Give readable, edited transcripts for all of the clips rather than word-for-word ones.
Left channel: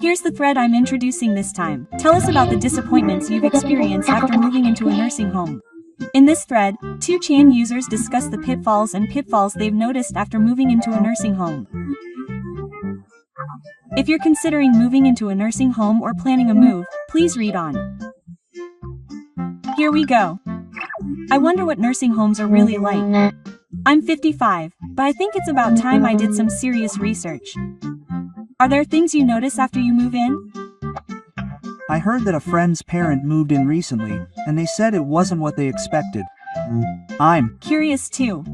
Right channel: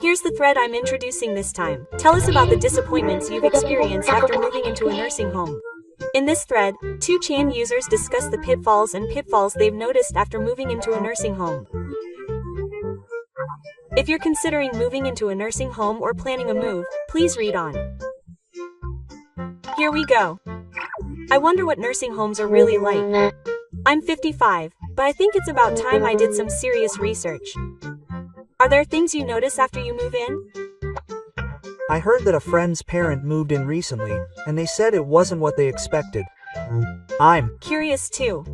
Here's the thread I'm introducing this time. Tell us about the disappointments you've experienced after moving into a nursing home. In this thread, 2ch users discuss the pitfalls they've noticed after moving into a nursing home. If you're considering moving into a nursing home or planning a move, please read on. Here we go. I wonder what nursing homes are really like. I'm 55, but I think it's about time I did some serious research. Are there things you notice after you move in? I heard that a friend's parent moved in recently, and they said it wasn't what they expected. I'm curious too.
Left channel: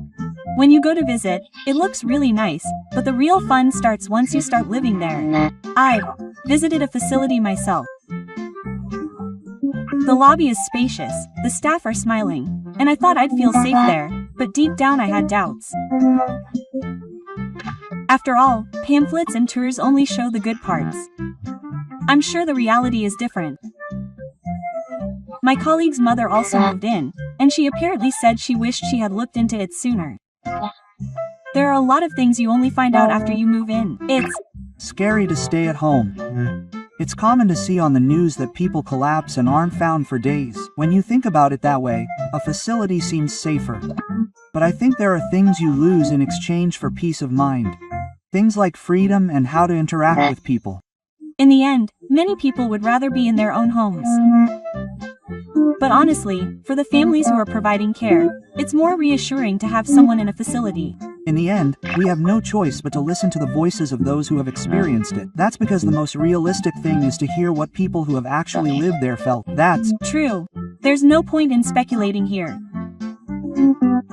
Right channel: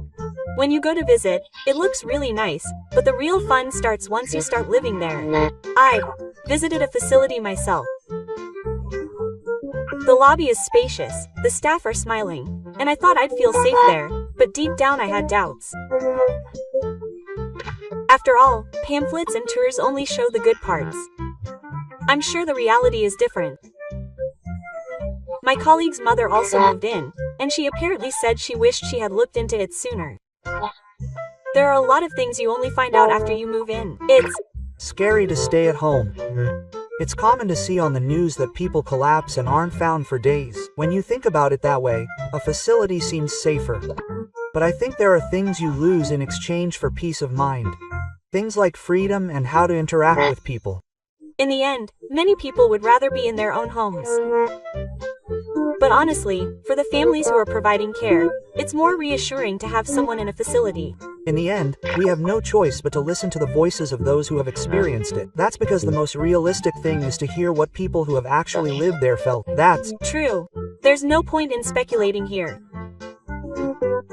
When you go to visit, it looks really nice, but the real fun starts once you start living there. I've visited a facility myself. The lobby is spacious, the staff are smiling, and I thought I'd feel safe there, but deep down I had doubts. After all, pamphlets and tours only show the good parts. I'm sure the reality is different. My colleague's mother also moved in, and she apparently said she wished she had looked into it sooner. There are a lot of things you only find out after you move in. It's scary to stay at home. It's common to see on the news that people collapse and aren't found for days. When you think about it that way, a facility seems safer. But I think there are things you lose in exchange for peace of mind. Things like freedom and how to interact with people. In the end, many people would rather be in their own homes. But honestly, for the families who are providing care, it's more reassuring to have someone in a facility. In the end, we have no choice but to listen to the voices of those who have experienced it. That's because the most realistic thing is to hear what people who have actually lived there felt. That's true. There's no point in speculating here.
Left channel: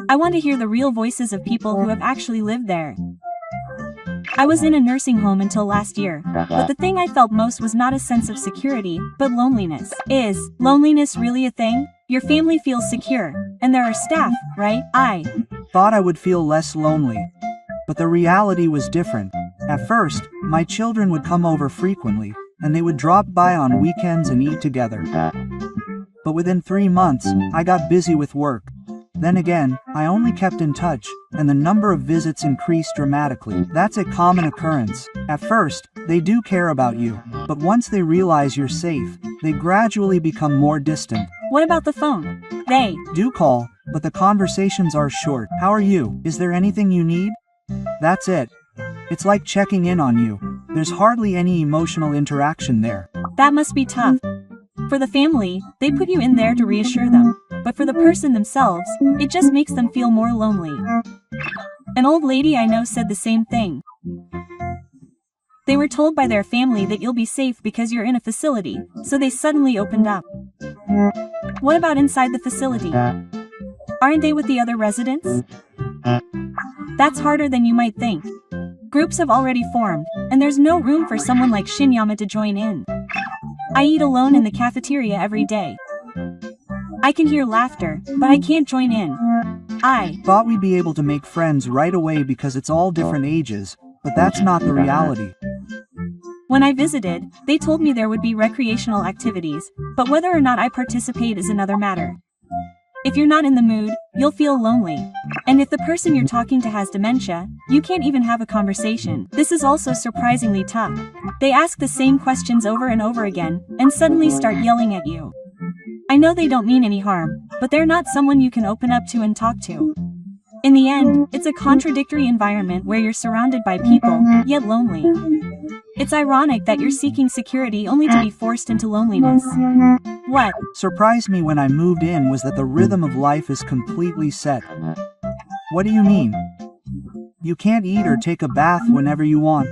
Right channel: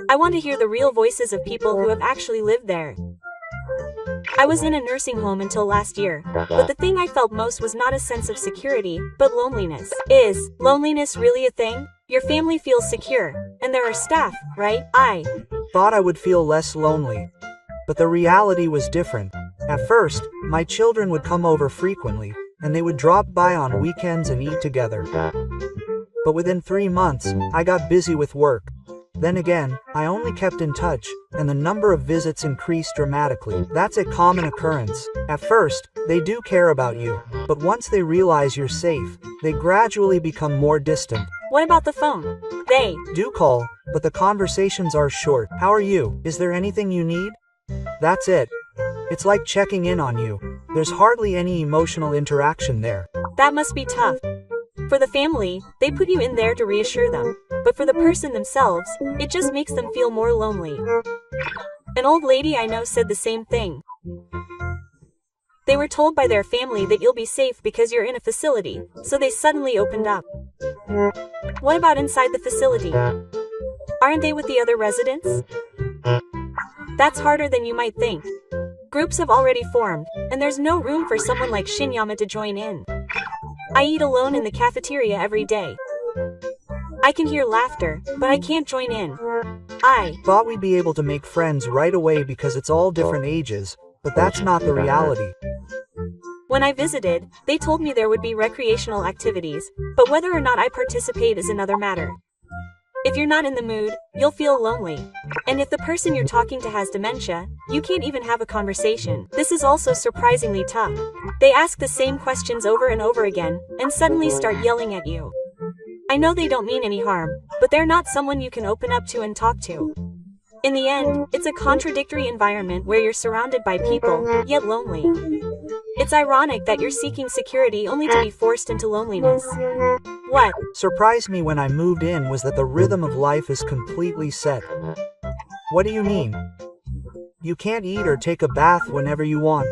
I want to hear the real voices of people who have actually lived there. I was in a nursing home until last year, but the thing I felt most was not a sense of security, but loneliness. Is loneliness really a thing? Your family feels secure, and there are staff, right? I thought I would feel less lonely. But the reality was different. At first, my children would come over frequently, and they would drop by on weekends and eat together. But within 3 months, I got busy with work. Then again, I only kept in touch, and the number of visits increased dramatically. That's a common occurrence. At first, they do care about you, but once they realize you're safe, they gradually become more distant. What about the phone? They do call, but the conversations are short. How are you? Is there anything you need? That's it. It's like checking in on you. There's hardly any emotional interaction there. That must be tough. For the family, they put you in there to reassure them, but for the person themselves, it just makes them feel more lonely. An old lady I know said the same thing. They were told by their family that you'll be safe because you're in a facility, so they suddenly opened up. What about inside the facility? Aren't they with the other residents? That's harder than you might think. Groups have already formed, and there's no room for someone like Shinyama to join in. I eat alone in the cafeteria every day. I can hear laughter, but I can't join in. I thought we'd be able to make friends right away because it's all different ages, but that's not the reality. When I visited, they told me there would be recreational activities, but whether or not I participate is another matter. If you're not in the mood, you'll feel lonely. And if the person you're talking to has dementia, you can't even have a conversation. This is also surprisingly tough. They ask the same questions over and over again, and suddenly start yelling at you. I know they don't mean any harm, but they're not someone you can open up to and talk to. In the end, it's a contradictory environment where you're surrounded by people, yet lonely. It's ironic that you're seeking security only to be forced into loneliness. What surprised me when I moved in was that the rhythm of life is completely set. What do you mean? You can't eat or take a bath whenever you want.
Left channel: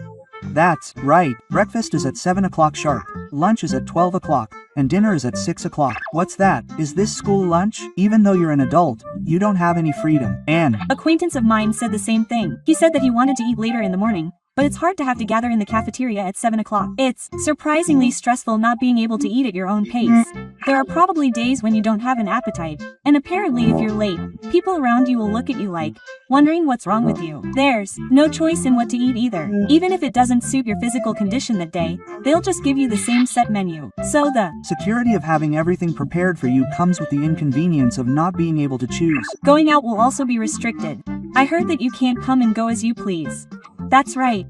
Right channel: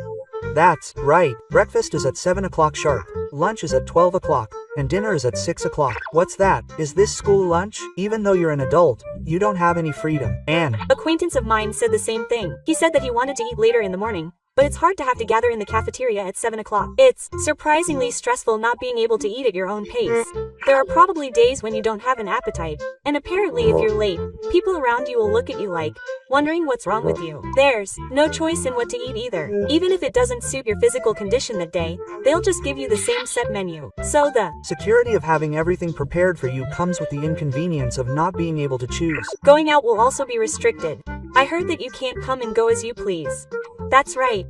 That's right, breakfast is at 7 o'clock sharp, lunch is at 12 o'clock, and dinner is at 6 o'clock. What's that? Is this school lunch? Even though you're an adult, you don't have any freedom. An acquaintance of mine said the same thing. He said that he wanted to eat later in the morning, but it's hard to have to gather in the cafeteria at 7 o'clock. It's surprisingly stressful not being able to eat at your own pace. There are probably days when you don't have an appetite, and apparently if you're late, people around you will look at you like, wondering what's wrong with you. There's no choice in what to eat either. Even if it doesn't suit your physical condition that day, they'll just give you the same set menu. So the security of having everything prepared for you comes with the inconvenience of not being able to choose. Going out will also be restricted. I heard that you can't come and go as you please. That's right.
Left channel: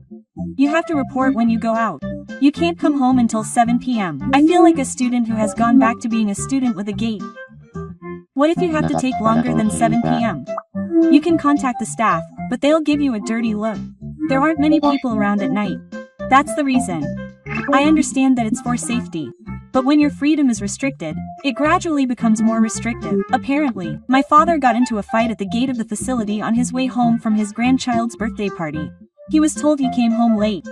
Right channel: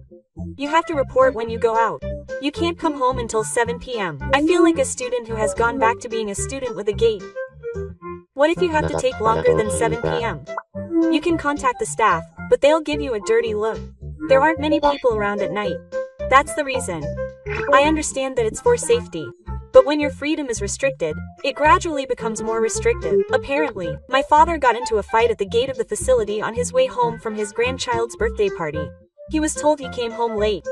You have to report when you go out. You can't come home until 7 p.m. I feel like a student who has gone back to being a student with a gate. What if you have to take longer than 7 p.m.? You can contact the staff, but they'll give you a dirty look. There aren't many people around at night. That's the reason. I understand that it's for safety. But when your freedom is restricted, it gradually becomes more restrictive. Apparently, my father got into a fight at the gate of the facility on his way home from his grandchild's birthday party. He was told he came home late.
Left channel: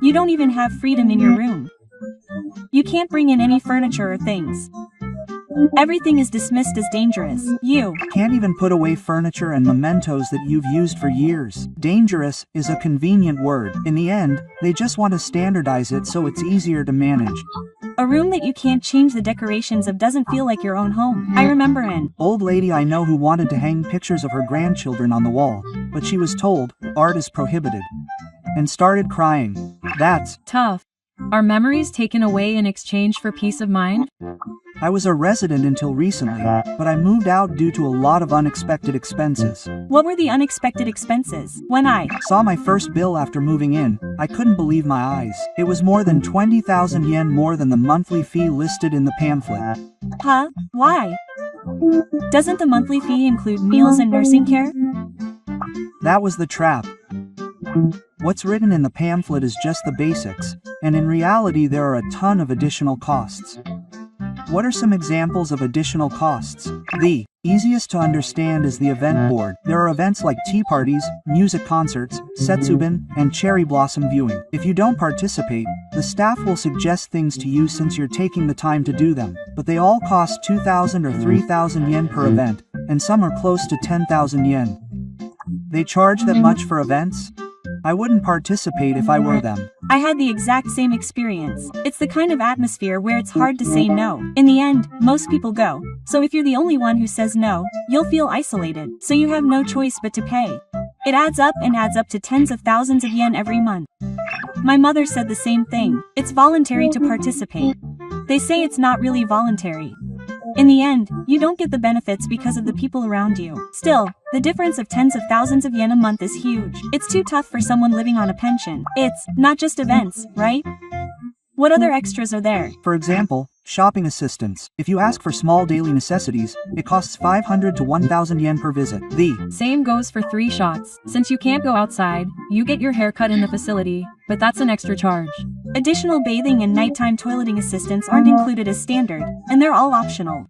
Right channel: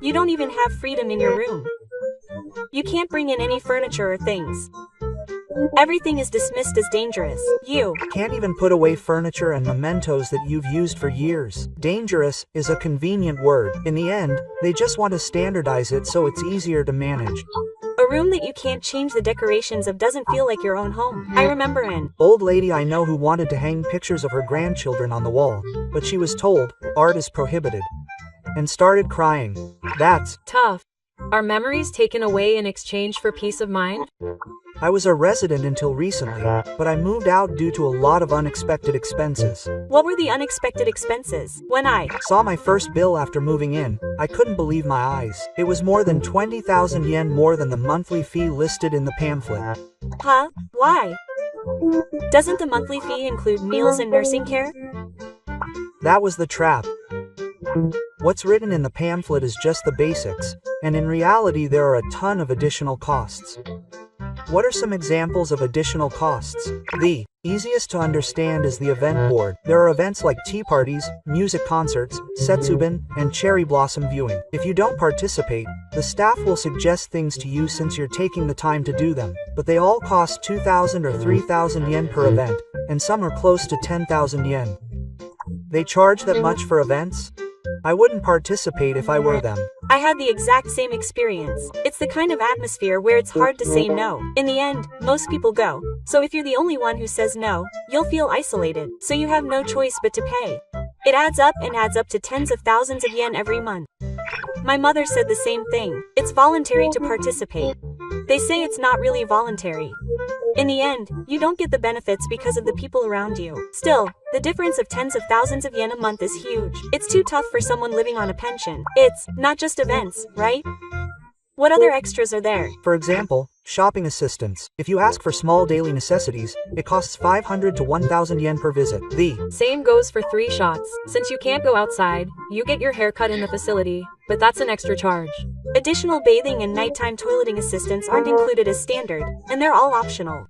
You don't even have freedom in your room. You can't bring in any furniture or things. Everything is dismissed as dangerous. You can't even put away furniture and mementos that you've used for years. Dangerous is a convenient word. In the end, they just want to standardize it so it's easier to manage. A room that you can't change the decorations of doesn't feel like your own home. I remember an old lady I know who wanted to hang pictures of her grandchildren on the wall, but she was told, art is prohibited, and started crying. That's tough. Are memories taken away in exchange for peace of mind? I was a resident until recently, but I moved out due to a lot of unexpected expenses. What were the unexpected expenses? When I saw my first bill after moving in, I couldn't believe my eyes. It was more than 20,000 yen more than the monthly fee listed in the pamphlet. Huh? Why? Doesn't the monthly fee include meals and nursing care? That was the trap. What's written in the pamphlet is just the basics, and in reality there are a ton of additional costs. What are some examples of additional costs? The easiest to understand is the event board. There are events like tea parties, music concerts, setsubin, and cherry blossom viewing. If you don't participate, the staff will suggest things to you since you're taking the time to do them, but they all cost 2,000 or 3,000 yen per event, and some are close to 10,000 yen. They charge that much for events? I wouldn't participate if I were them. I had the exact same experience. It's the kind of atmosphere where it's hard to say no. In the end, most people go. So if you're the only one who says no, you'll feel isolated. So you have no choice but to pay. It adds up to tens of thousands of yen every month. My mother said the same thing. It's voluntary to participate. They say it's not really voluntary. In the end, you don't get the benefits because of the people around you. Still, the difference of tens of thousands of yen a month is huge. It's too tough for someone living on a pension. It's not just events, right? What other extras are there? For example, shopping assistance. If you ask for small daily necessities, it costs 500 to 1,000 yen per visit. The same goes for 3 shots. Since you can't go outside, you get your hair cut in the facility, but that's an extra charge. Additional bathing and nighttime toileting assistants aren't included as standard, and they're all optional.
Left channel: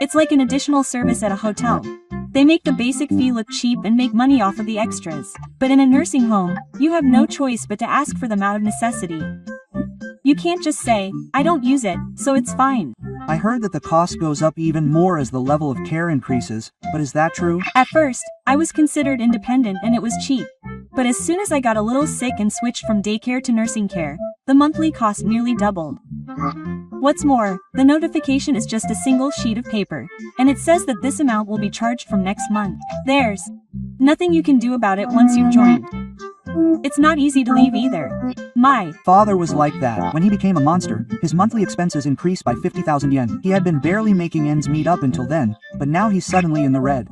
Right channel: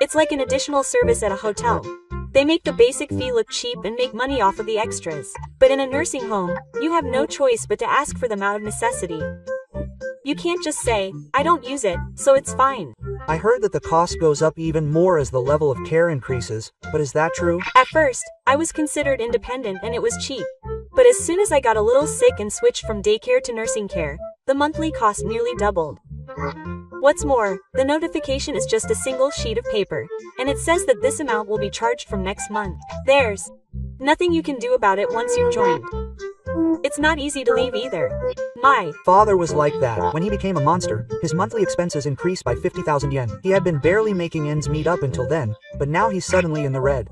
It's like an additional service at a hotel. They make the basic fee look cheap and make money off of the extras. But in a nursing home, you have no choice but to ask for them out of necessity. You can't just say, I don't use it, so it's fine. I heard that the cost goes up even more as the level of care increases, but is that true? At first, I was considered independent and it was cheap. But as soon as I got a little sick and switched from daycare to nursing care, the monthly cost nearly doubled. What's more, the notification is just a single sheet of paper, and it says that this amount will be charged from next month. There's nothing you can do about it once you've joined. It's not easy to leave either. My father was like that. When he became a monster, his monthly expenses increased by 50,000 yen. He had been barely making ends meet up until then, but now he's suddenly in the red.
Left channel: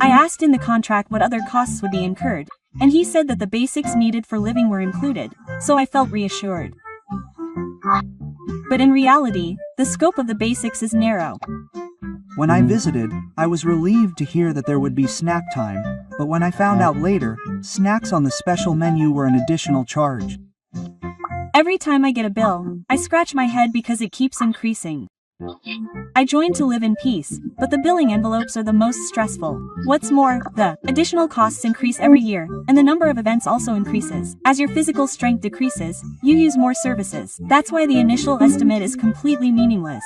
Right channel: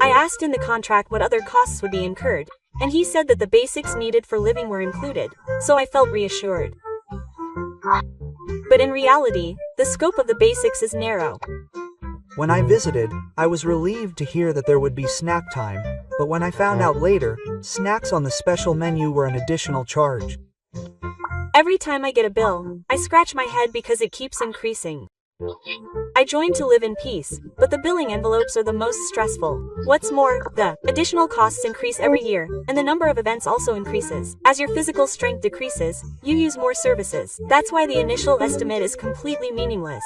I asked in the contract what other costs would be incurred, and he said that the basics needed for living were included, so I felt reassured. But in reality, the scope of the basics is narrow. When I visited, I was relieved to hear that there would be snack time, but when I found out later, snacks on the special menu were an additional charge. Every time I get a bill, I scratch my head because it keeps increasing. I joined to live in peace, but the billing envelopes are the most stressful. What's more, the additional costs increase every year, and the number of events also increases. As your physical strength decreases, you use more services. That's why the initial estimate is completely meaningless.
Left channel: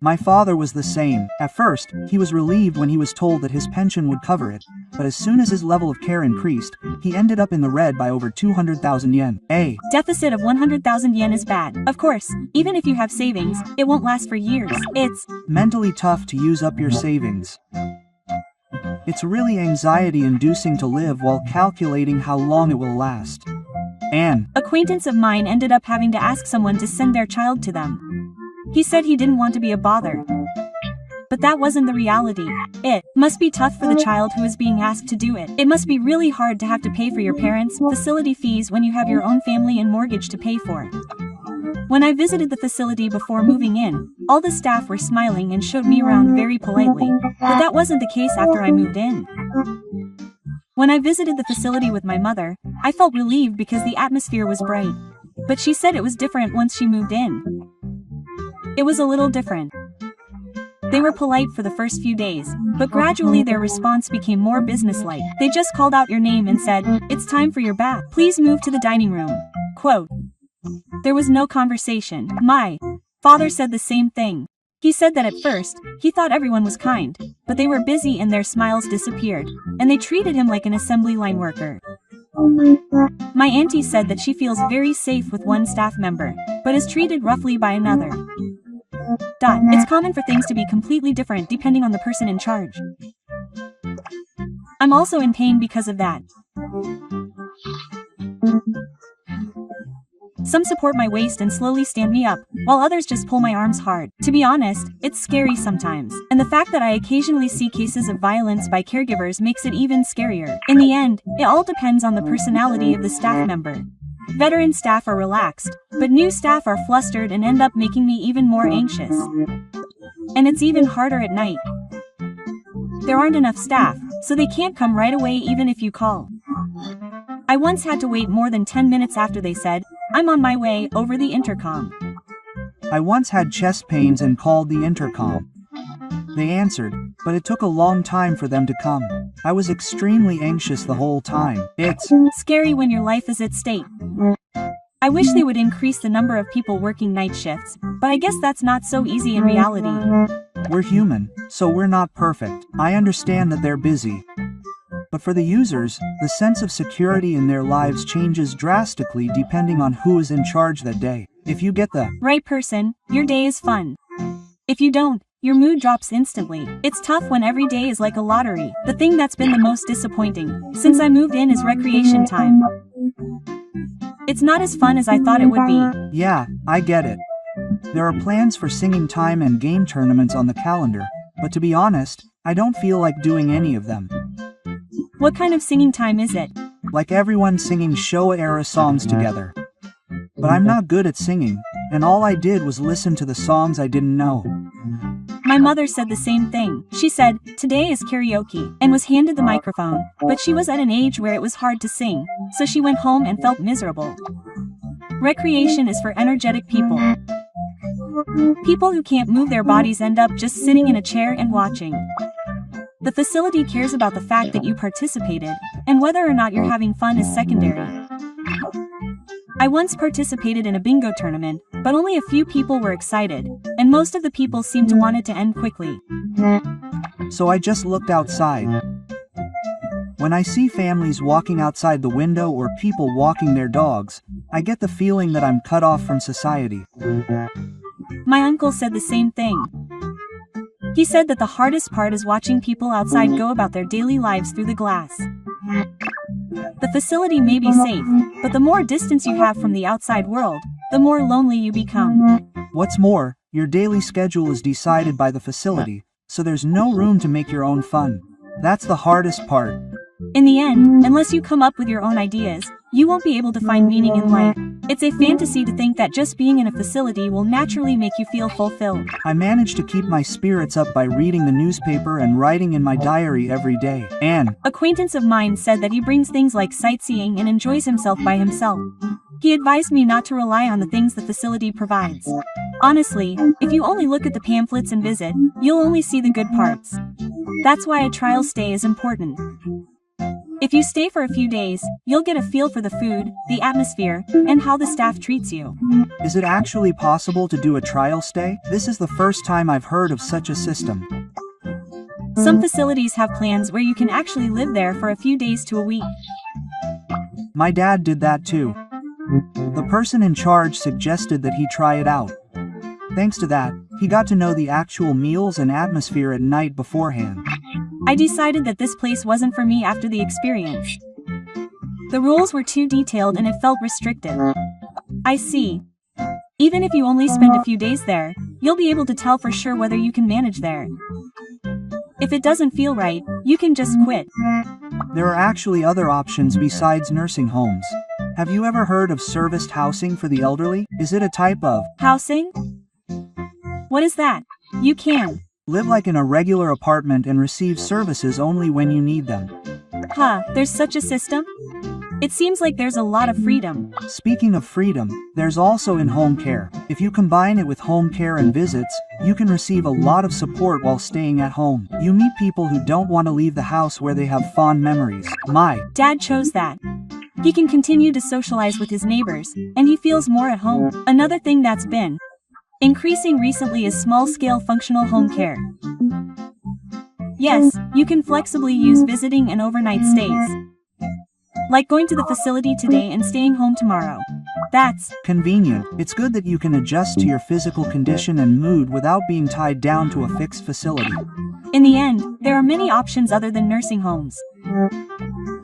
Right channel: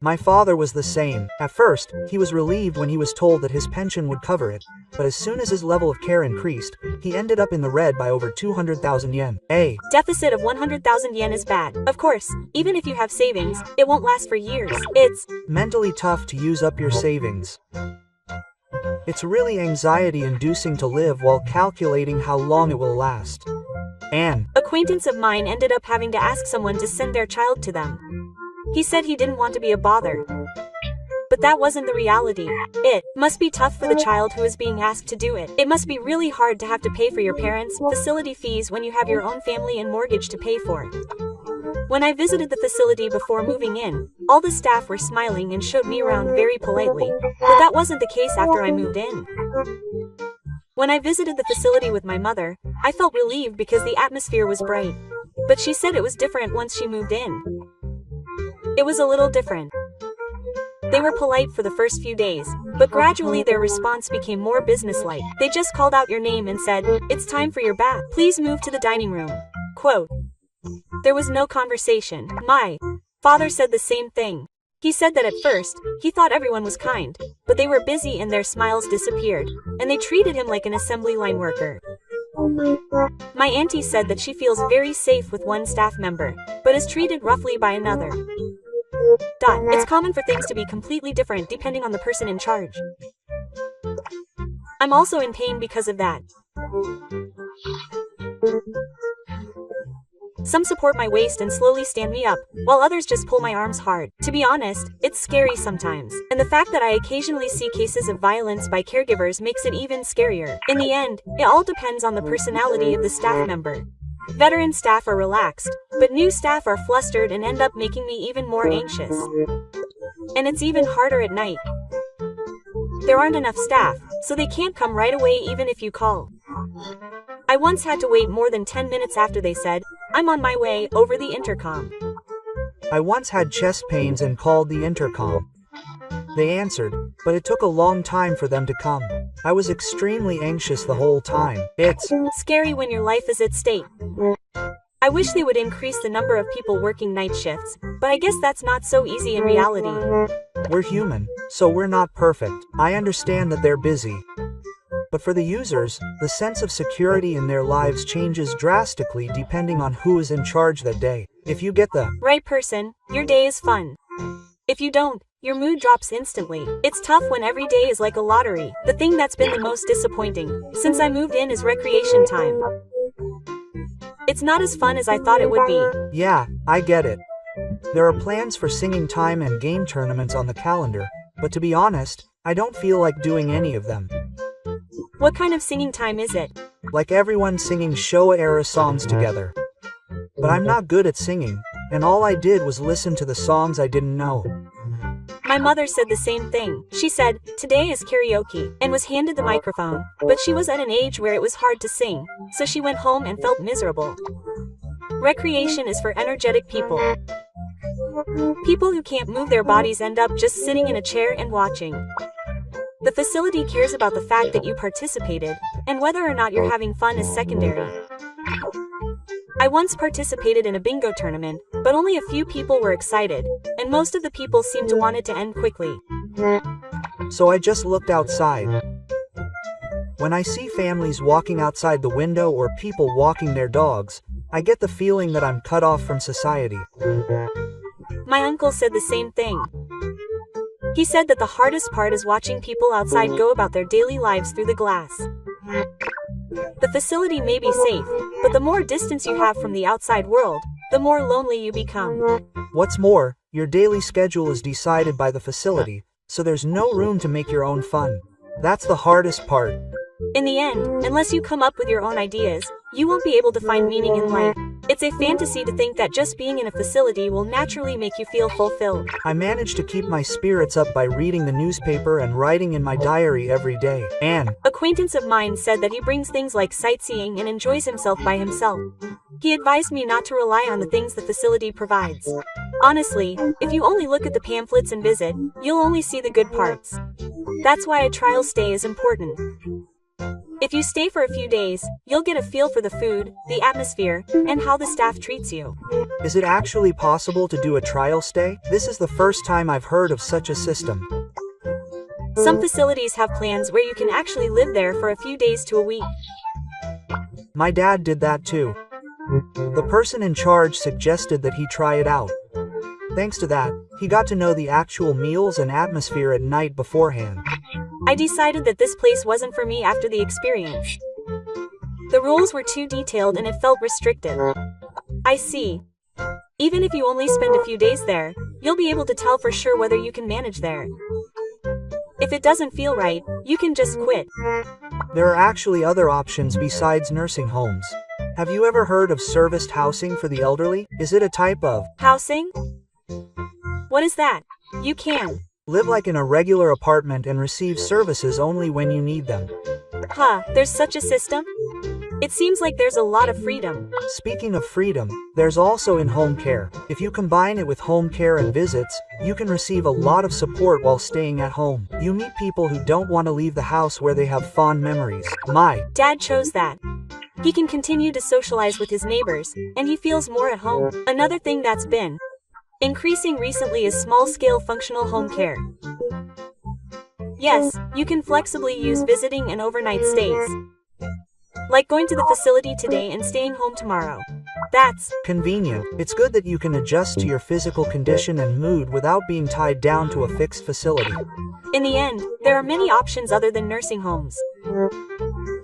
My father was the same. At first, he was relieved when he was told that his pension would cover it, but as soon as his level of care increased, he ended up in the red by over 200,000 yen. A deficit of 100,000 yen is bad. Of course, even if you have savings, it won't last for years. It's mentally tough to use up your savings. It's really anxiety-inducing to live while calculating how long it will last. An acquaintance of mine ended up having to ask someone to send their child to them. He said he didn't want to be a bother. But that wasn't the reality. It must be tough for the child who is being asked to do it. It must be really hard to have to pay for your parents' facility fees when you have your own family and mortgage to pay for. When I visited the facility before moving in, all the staff were smiling and showed me around very politely, but that wasn't the case after I moved in. When I visited the facility with my mother, I felt relieved because the atmosphere was bright. But she said it was different once she moved in. It was a little different. They were polite for the first few days, but gradually their response became more businesslike. They just called out your name and said, "It's time for your bath. Please move to the dining room." Quote. There was no conversation. My father said the same thing. He said that at first, he thought everyone was kind, but they were busy and their smiles disappeared, and they treated him like an assembly line worker. My auntie said that she feels very safe with one staff member, but is treated roughly by another. It's common for things to be completely different depending on the person in charge. I'm also in pain because of that. Some support my waist and slowly stand me up, while others just pull my arms hard. To be honest, it's scary sometimes, and the fact that I occasionally see cases of violence by caregivers makes it even scarier. In the end, it all depends on the personality of the staff member. Veteran staff are relaxed, but new staff are flustered and end up making me even more anxious. And it's even harder at night. There aren't enough staff, so they can't come right away even if you call. I once had to wait more than 10 minutes after they said, "I'm on my way," over the intercom. I once had chest pains and called the intercom. They answered, but it took a long time for them to come. I was extremely anxious the whole time. It's scary when your life is at stake. I wish they would increase the number of people working night shifts, but I guess that's not so easy in reality. We're human, so we're not perfect. I understand that they're busy. But for the users, the sense of security in their lives changes drastically depending on who is in charge that day. If you get the right person, your day is fun. If you don't, your mood drops instantly. It's tough when every day is like a lottery. The thing that's been the most disappointing since I moved in is recreation time. It's not as fun as I thought it would be. Yeah, I get it. There are plans for singing time and game tournaments on the calendar, but to be honest, I don't feel like doing any of them. What kind of singing time is it? Like everyone singing Showa-era songs together. But I'm not good at singing, and all I did was listen to the songs I didn't know. My mother said the same thing. She said, "Today is karaoke," and was handed the microphone, but she was at an age where it was hard to sing, so she went home and felt miserable. Recreation is for energetic people. People who can't move their bodies end up just sitting in a chair and watching. The facility cares about the fact that you participated, and whether or not you're having fun is secondary. I once participated in a bingo tournament, but only a few people were excited, and most of the people seemed to want it to end quickly. So I just looked outside. When I see families walking outside the window or people walking their dogs, I get the feeling that I'm cut off from society. My uncle said the same thing. He said that the hardest part is watching people outside go about their daily lives through the glass. The facility may be safe, but the more distance you have from the outside world, the more lonely you become. What's more, your daily schedule is decided by the facility, so there's no room to make your own fun. That's the hardest part. In the end, unless you come up with your own ideas, you won't be able to find meaning in life. It's a fantasy to think that just being in a facility will naturally make you feel fulfilled. I manage to keep my spirits up by reading the newspaper and writing in my diary every day. An acquaintance of mine said that he brings things like sightseeing and enjoys himself by himself. He advised me not to rely on the things the facility provides. Honestly, if you only look at the pamphlets and visit, you'll only see the good parts. That's why a trial stay is important. If you stay for a few days, you'll get a feel for the food, the atmosphere, and how the staff treats you. Is it actually possible to do a trial stay? This is the first time I've heard of such a system. Some facilities have plans where you can actually live there for a few days to a week. My dad did that too. The person in charge suggested that he try it out. Thanks to that, he got to know the actual meals and atmosphere at night beforehand. I decided that this place wasn't for me after the experience. The rules were too detailed and it felt restrictive. I see. Even if you only spend a few days there, you'll be able to tell for sure whether you can manage there. If it doesn't feel right, you can just quit. There are actually other options besides nursing homes. Have you ever heard of serviced housing for the elderly? Is it a type of Housing? What is that? You can. live like in a regular apartment and receive services only when you need them? Huh, there's such a system? It seems like there's a lot of freedom. Speaking of freedom, there's also in-home care. If you combine it with home care and visits, you can receive a lot of support while staying at home. You meet people who don't want to leave the house where they have fond memories. My Dad chose that. He can continue to socialize with his neighbors, and he feels more at home. Another thing that's been increasing recently is small-scale functional home care. Yes, you can flexibly use visiting and overnight stays. Like going to the facility today and staying home tomorrow. That's convenient. It's good that you can adjust to your physical condition and mood without being tied down to a fixed facility. In the end, there are many options other than nursing homes.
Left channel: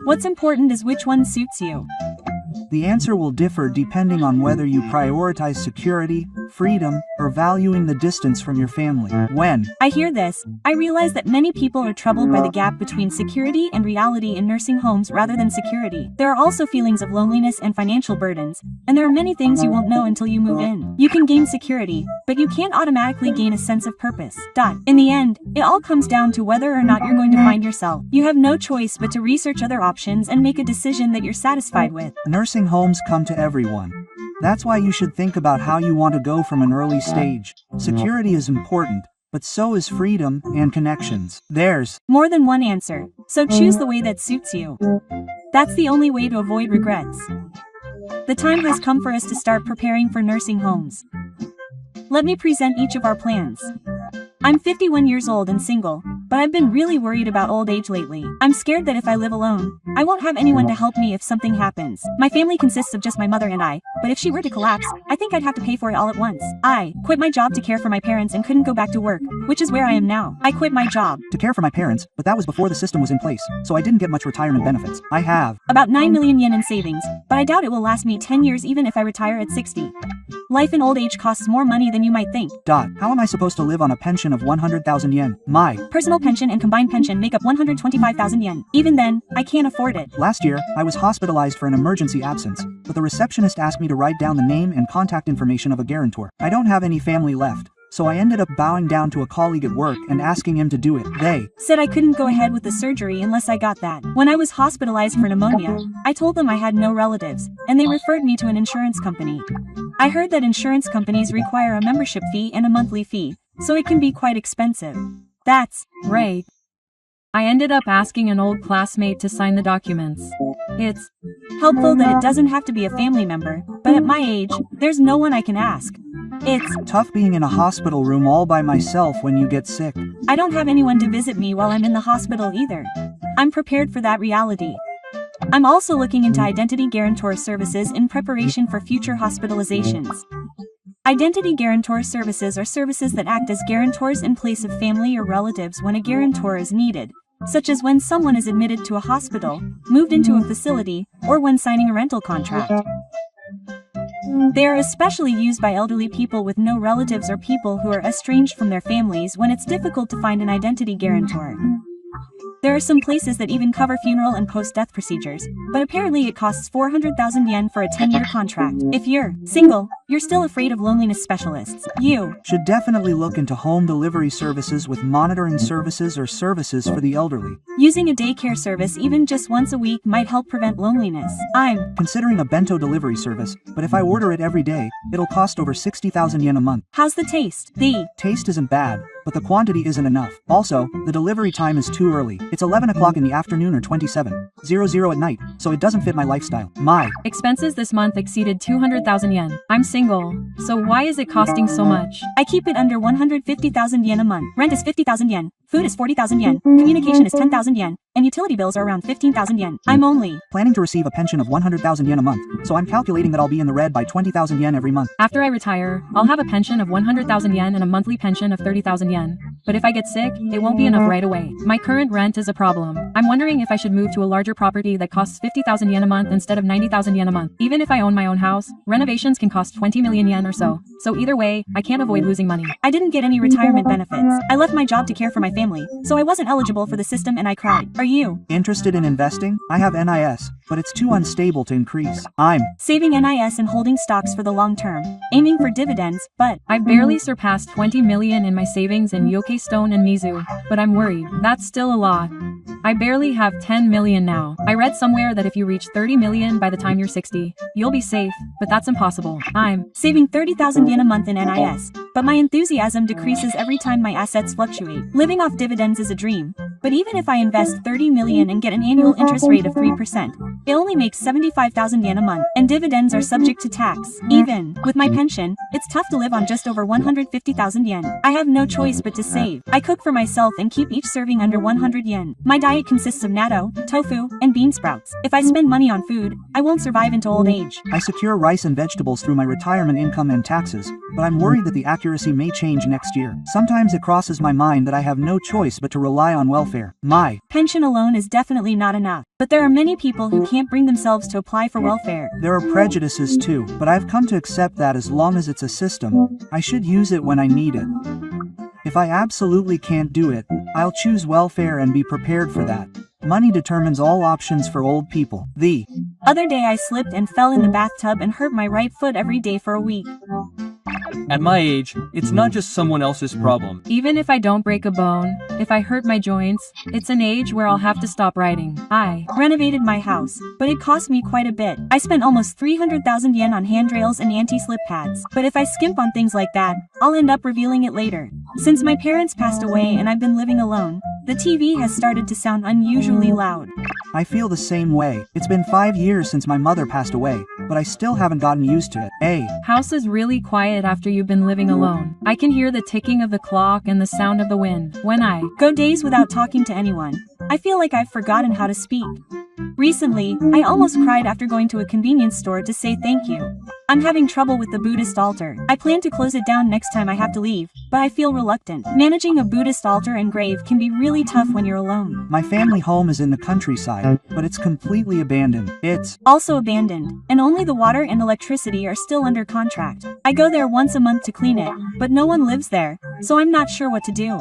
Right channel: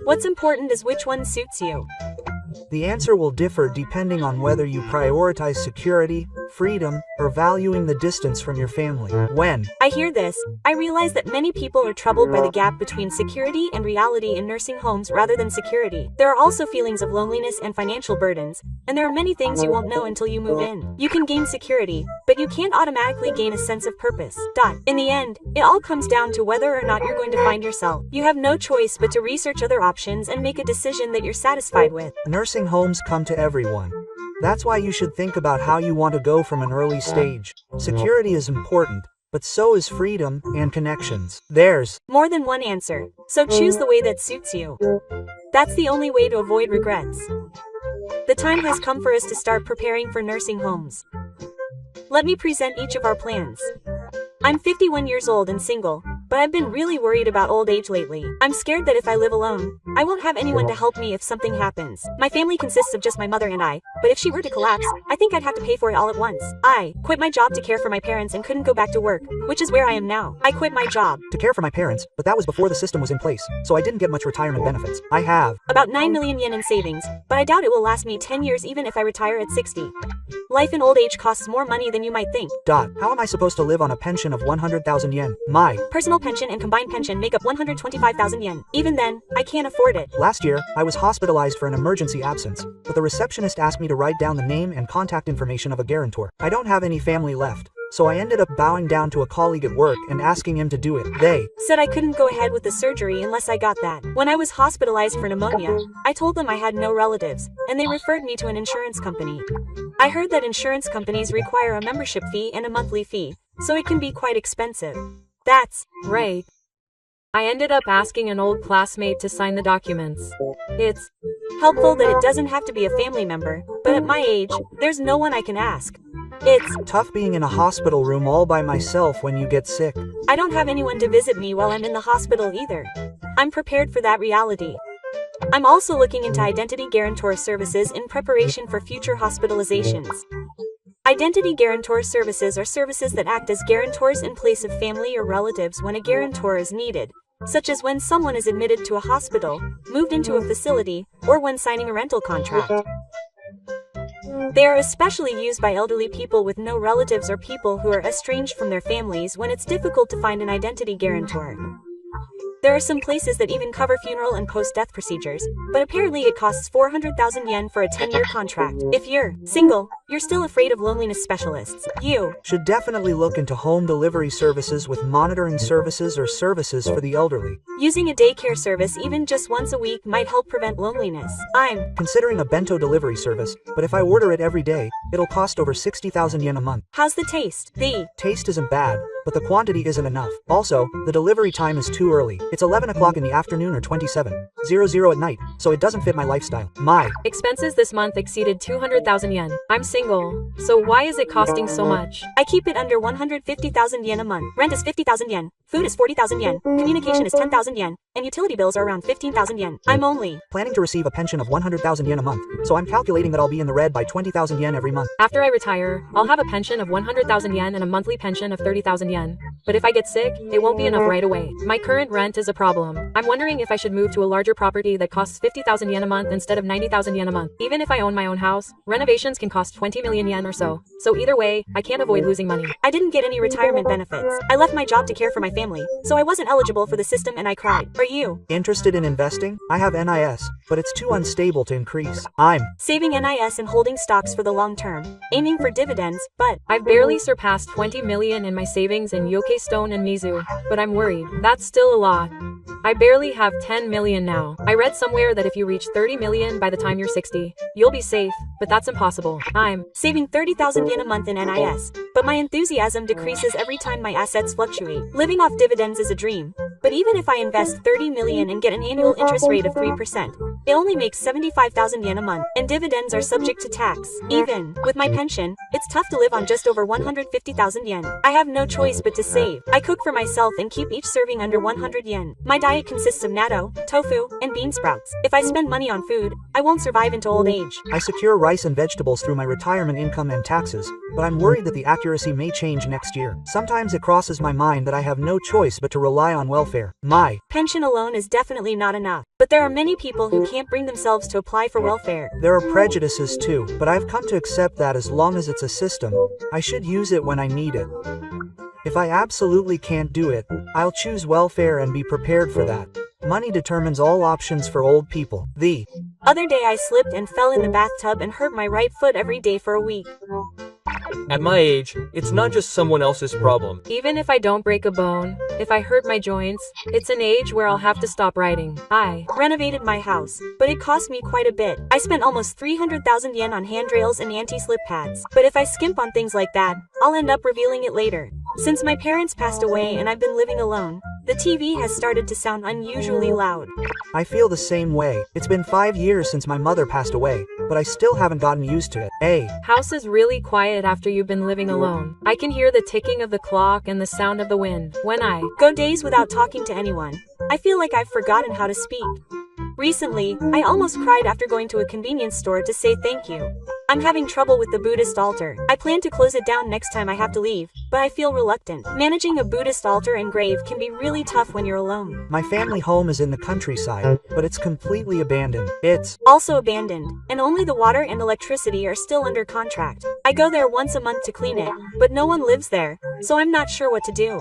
What's important is which one suits you. The answer will differ depending on whether you prioritize security, freedom, or valuing the distance from your family. When I hear this, I realize that many people are troubled by the gap between security and reality in nursing homes rather than security. There are also feelings of loneliness and financial burdens, and there are many things you won't know until you move in. You can gain security, but you can't automatically gain a sense of purpose. In the end, it all comes down to whether or not you're going to find yourself. You have no choice but to research other options and make a decision that you're satisfied with. nursing homes come to everyone. That's why you should think about how you want to go from an early stage. Security is important, but so is freedom and connections. There's more than one answer, so choose the way that suits you. That's the only way to avoid regrets. The time has come for us to start preparing for nursing homes. Let me present each of our plans. I'm 51 years old and single, but I've been really worried about old age lately. I'm scared that if I live alone, I won't have anyone to help me if something happens. My family consists of just my mother and I, but if she were to collapse, I think I'd have to pay for it all at once. I quit my job to care for my parents and couldn't go back to work, which is where I am now. I quit my job to care for my parents, but that was before the system was in place, so I didn't get much retirement benefits. I have about 9 million yen in savings, but I doubt it will last me 10 years even if I retire at 60. Life in old age costs more money than you might think. How am I supposed to live on a pension of 100,000 yen? My personal pension and combined pension make up 125,000 yen. Even then, I can't afford it. Last year, I was hospitalized for an emergency absence, but the receptionist asked me to write down the name and contact information of a guarantor. I don't have any family left, so I ended up bowing down to a colleague at work and asking him to do it. They said I couldn't go ahead with the surgery unless I got that. When I was hospitalized for pneumonia, I told them I had no relatives, and they referred me to an insurance company. I heard that insurance companies require a membership fee and a monthly fee, so it can be quite expensive. That's right. I ended up asking an old classmate to sign the documents. It's helpful that it doesn't have to be a family member, but at my age, there's no one I can ask. It's tough being in a hospital room all by myself when you get sick. I don't have anyone to visit me while I'm in the hospital either. I'm prepared for that reality. I'm also looking into identity guarantor services in preparation for future hospitalizations. Identity guarantor services are services that act as guarantors in place of family or relatives when a guarantor is needed, such as when someone is admitted to a hospital, moved into a facility, or when signing a rental contract. They are especially used by elderly people with no relatives or people who are estranged from their families when it's difficult to find an identity guarantor. There are some places that even cover funeral and post-death procedures, but apparently it costs 400,000 yen for a 10-year contract. If you're single, you're still afraid of loneliness specialists. You should definitely look into home delivery services with monitoring services or services for the elderly. Using a daycare service even just once a week might help prevent loneliness. I'm considering a bento delivery service, but if I order it every day, it'll cost over 60,000 yen a month. How's the taste? The taste isn't bad, but the quantity isn't enough. Also, the delivery time is too early. It's 11 o'clock in the afternoon or 27:00 at night, so it doesn't fit my lifestyle. My expenses this month exceeded 200,000 yen. I'm single, so why is it costing so much? I keep it under 150,000 yen a month. Rent is 50,000 yen. Food is 40,000 yen. Communication is 10,000 yen. And utility bills are around 15,000 yen. I'm only planning to receive a pension of 100,000 yen a month, so I'm calculating that I'll be in the red by 20,000 yen every month. After I retire, I'll have a pension of 100,000 yen and a monthly pension of 30,000 yen. but if I get sick, it won't be enough right away. My current rent is a problem. I'm wondering if I should move to a larger property that costs 50,000 yen a month instead of 90,000 yen a month. Even if I own my own house, renovations can cost 20 million yen or so. So either way, I can't avoid losing money. I didn't get any retirement benefits. I left my job to care for my family, so I wasn't eligible for the system and I cried. Are you Interested in investing? I have NIS, but it's too unstable to increase. I'm saving NIS and holding stocks for the long term, aiming for dividends, but I've barely surpassed 20 million in my savings in Yoke Stone and Mizu, but I'm worried. That's still a lot. I barely have 10 million now. I read somewhere that if you reach 30 million by the time you're 60, you'll be safe, but that's impossible. I'm saving 30,000 yen a month in NIS, but my enthusiasm decreases every time my assets fluctuate. Living off dividends is a dream, but even if I invest 30 million and get an annual interest rate of 3%, it only makes 75,000 yen a month, and dividends are subject to tax. Even with my pension, it's tough to live on just over 150,000 yen. I have no choice but to save. I cook for myself and keep each serving under 100 yen. My diet consists of natto, tofu, and bean sprouts. If I spend money on food, I won't survive into old age. I secure rice and vegetables through my retirement income and taxes, but I'm worried that the accuracy may change next year. Sometimes it crosses my mind that I have no choice but to rely on welfare. My pension alone is definitely not enough, but there are many people who can't bring themselves to apply for welfare. There are prejudices too, but I've come to accept that as long as it's a system, I should use it when I need it. If I absolutely can't do it, I'll choose welfare and be prepared for that. Money determines all options for old people. The other day I slipped and fell in the bathtub and hurt my right foot every day for a week. At my age, it's not just someone else's problem. Even if I don't break a bone, if I hurt my joints, it's an age where I'll have to stop writing. I renovated my house, but it cost me quite a bit. I spent almost 300,000 yen on handrails and anti-slip pads. But if I skimp on things like that, I'll end up revealing it later. Since my parents passed away and I've been living alone, the TV has started to sound unusually loud. I feel the same way. It's been 5 years since my mother passed away, but I still haven't gotten used to it. House is really quiet after you've been living alone. I can hear the ticking of the clock and the sound of the wind. When I go days without talking to anyone, I feel like I've forgotten how to speak. Recently, I almost cried after going to a convenience store to say thank you. I'm having trouble with the Buddhist altar. I plan to close it down next time I have to leave, but I feel reluctant. Managing a Buddhist altar and grave can be really tough when you're alone. My family home is in the countryside, but it's completely abandoned. It's also abandoned, and only the water and electricity are still under contract. I go there once a month to clean it, but no one lives there, so I'm not sure what to do.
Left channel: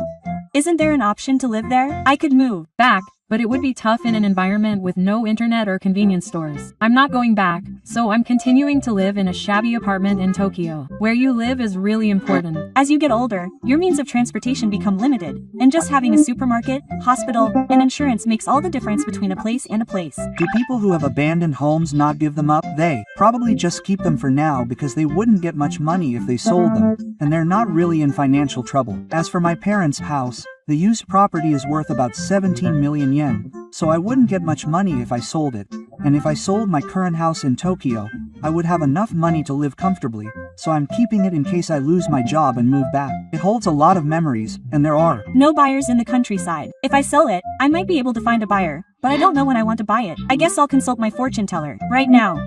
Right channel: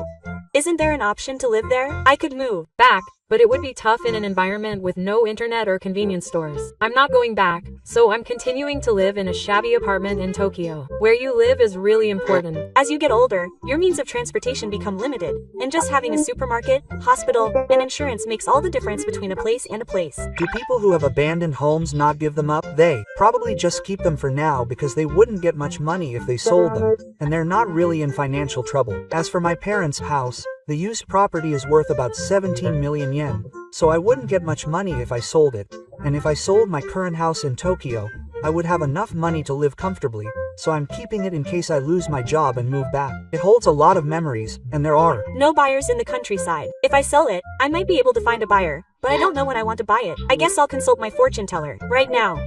Isn't there an option to live there? I could move back, but it would be tough in an environment with no internet or convenience stores. I'm not going back, so I'm continuing to live in a shabby apartment in Tokyo. Where you live is really important. As you get older, your means of transportation become limited, and just having a supermarket, hospital, and insurance makes all the difference between a place and a place. Do people who have abandoned homes not give them up? They probably just keep them for now because they wouldn't get much money if they sold them, and they're not really in financial trouble. As for my parents' house, the used property is worth about 17 million yen, so I wouldn't get much money if I sold it. And if I sold my current house in Tokyo, I would have enough money to live comfortably, so I'm keeping it in case I lose my job and move back. It holds a lot of memories, and there are no buyers in the countryside. If I sell it, I might be able to find a buyer, but I don't know when I want to buy it. I guess I'll consult my fortune teller right now.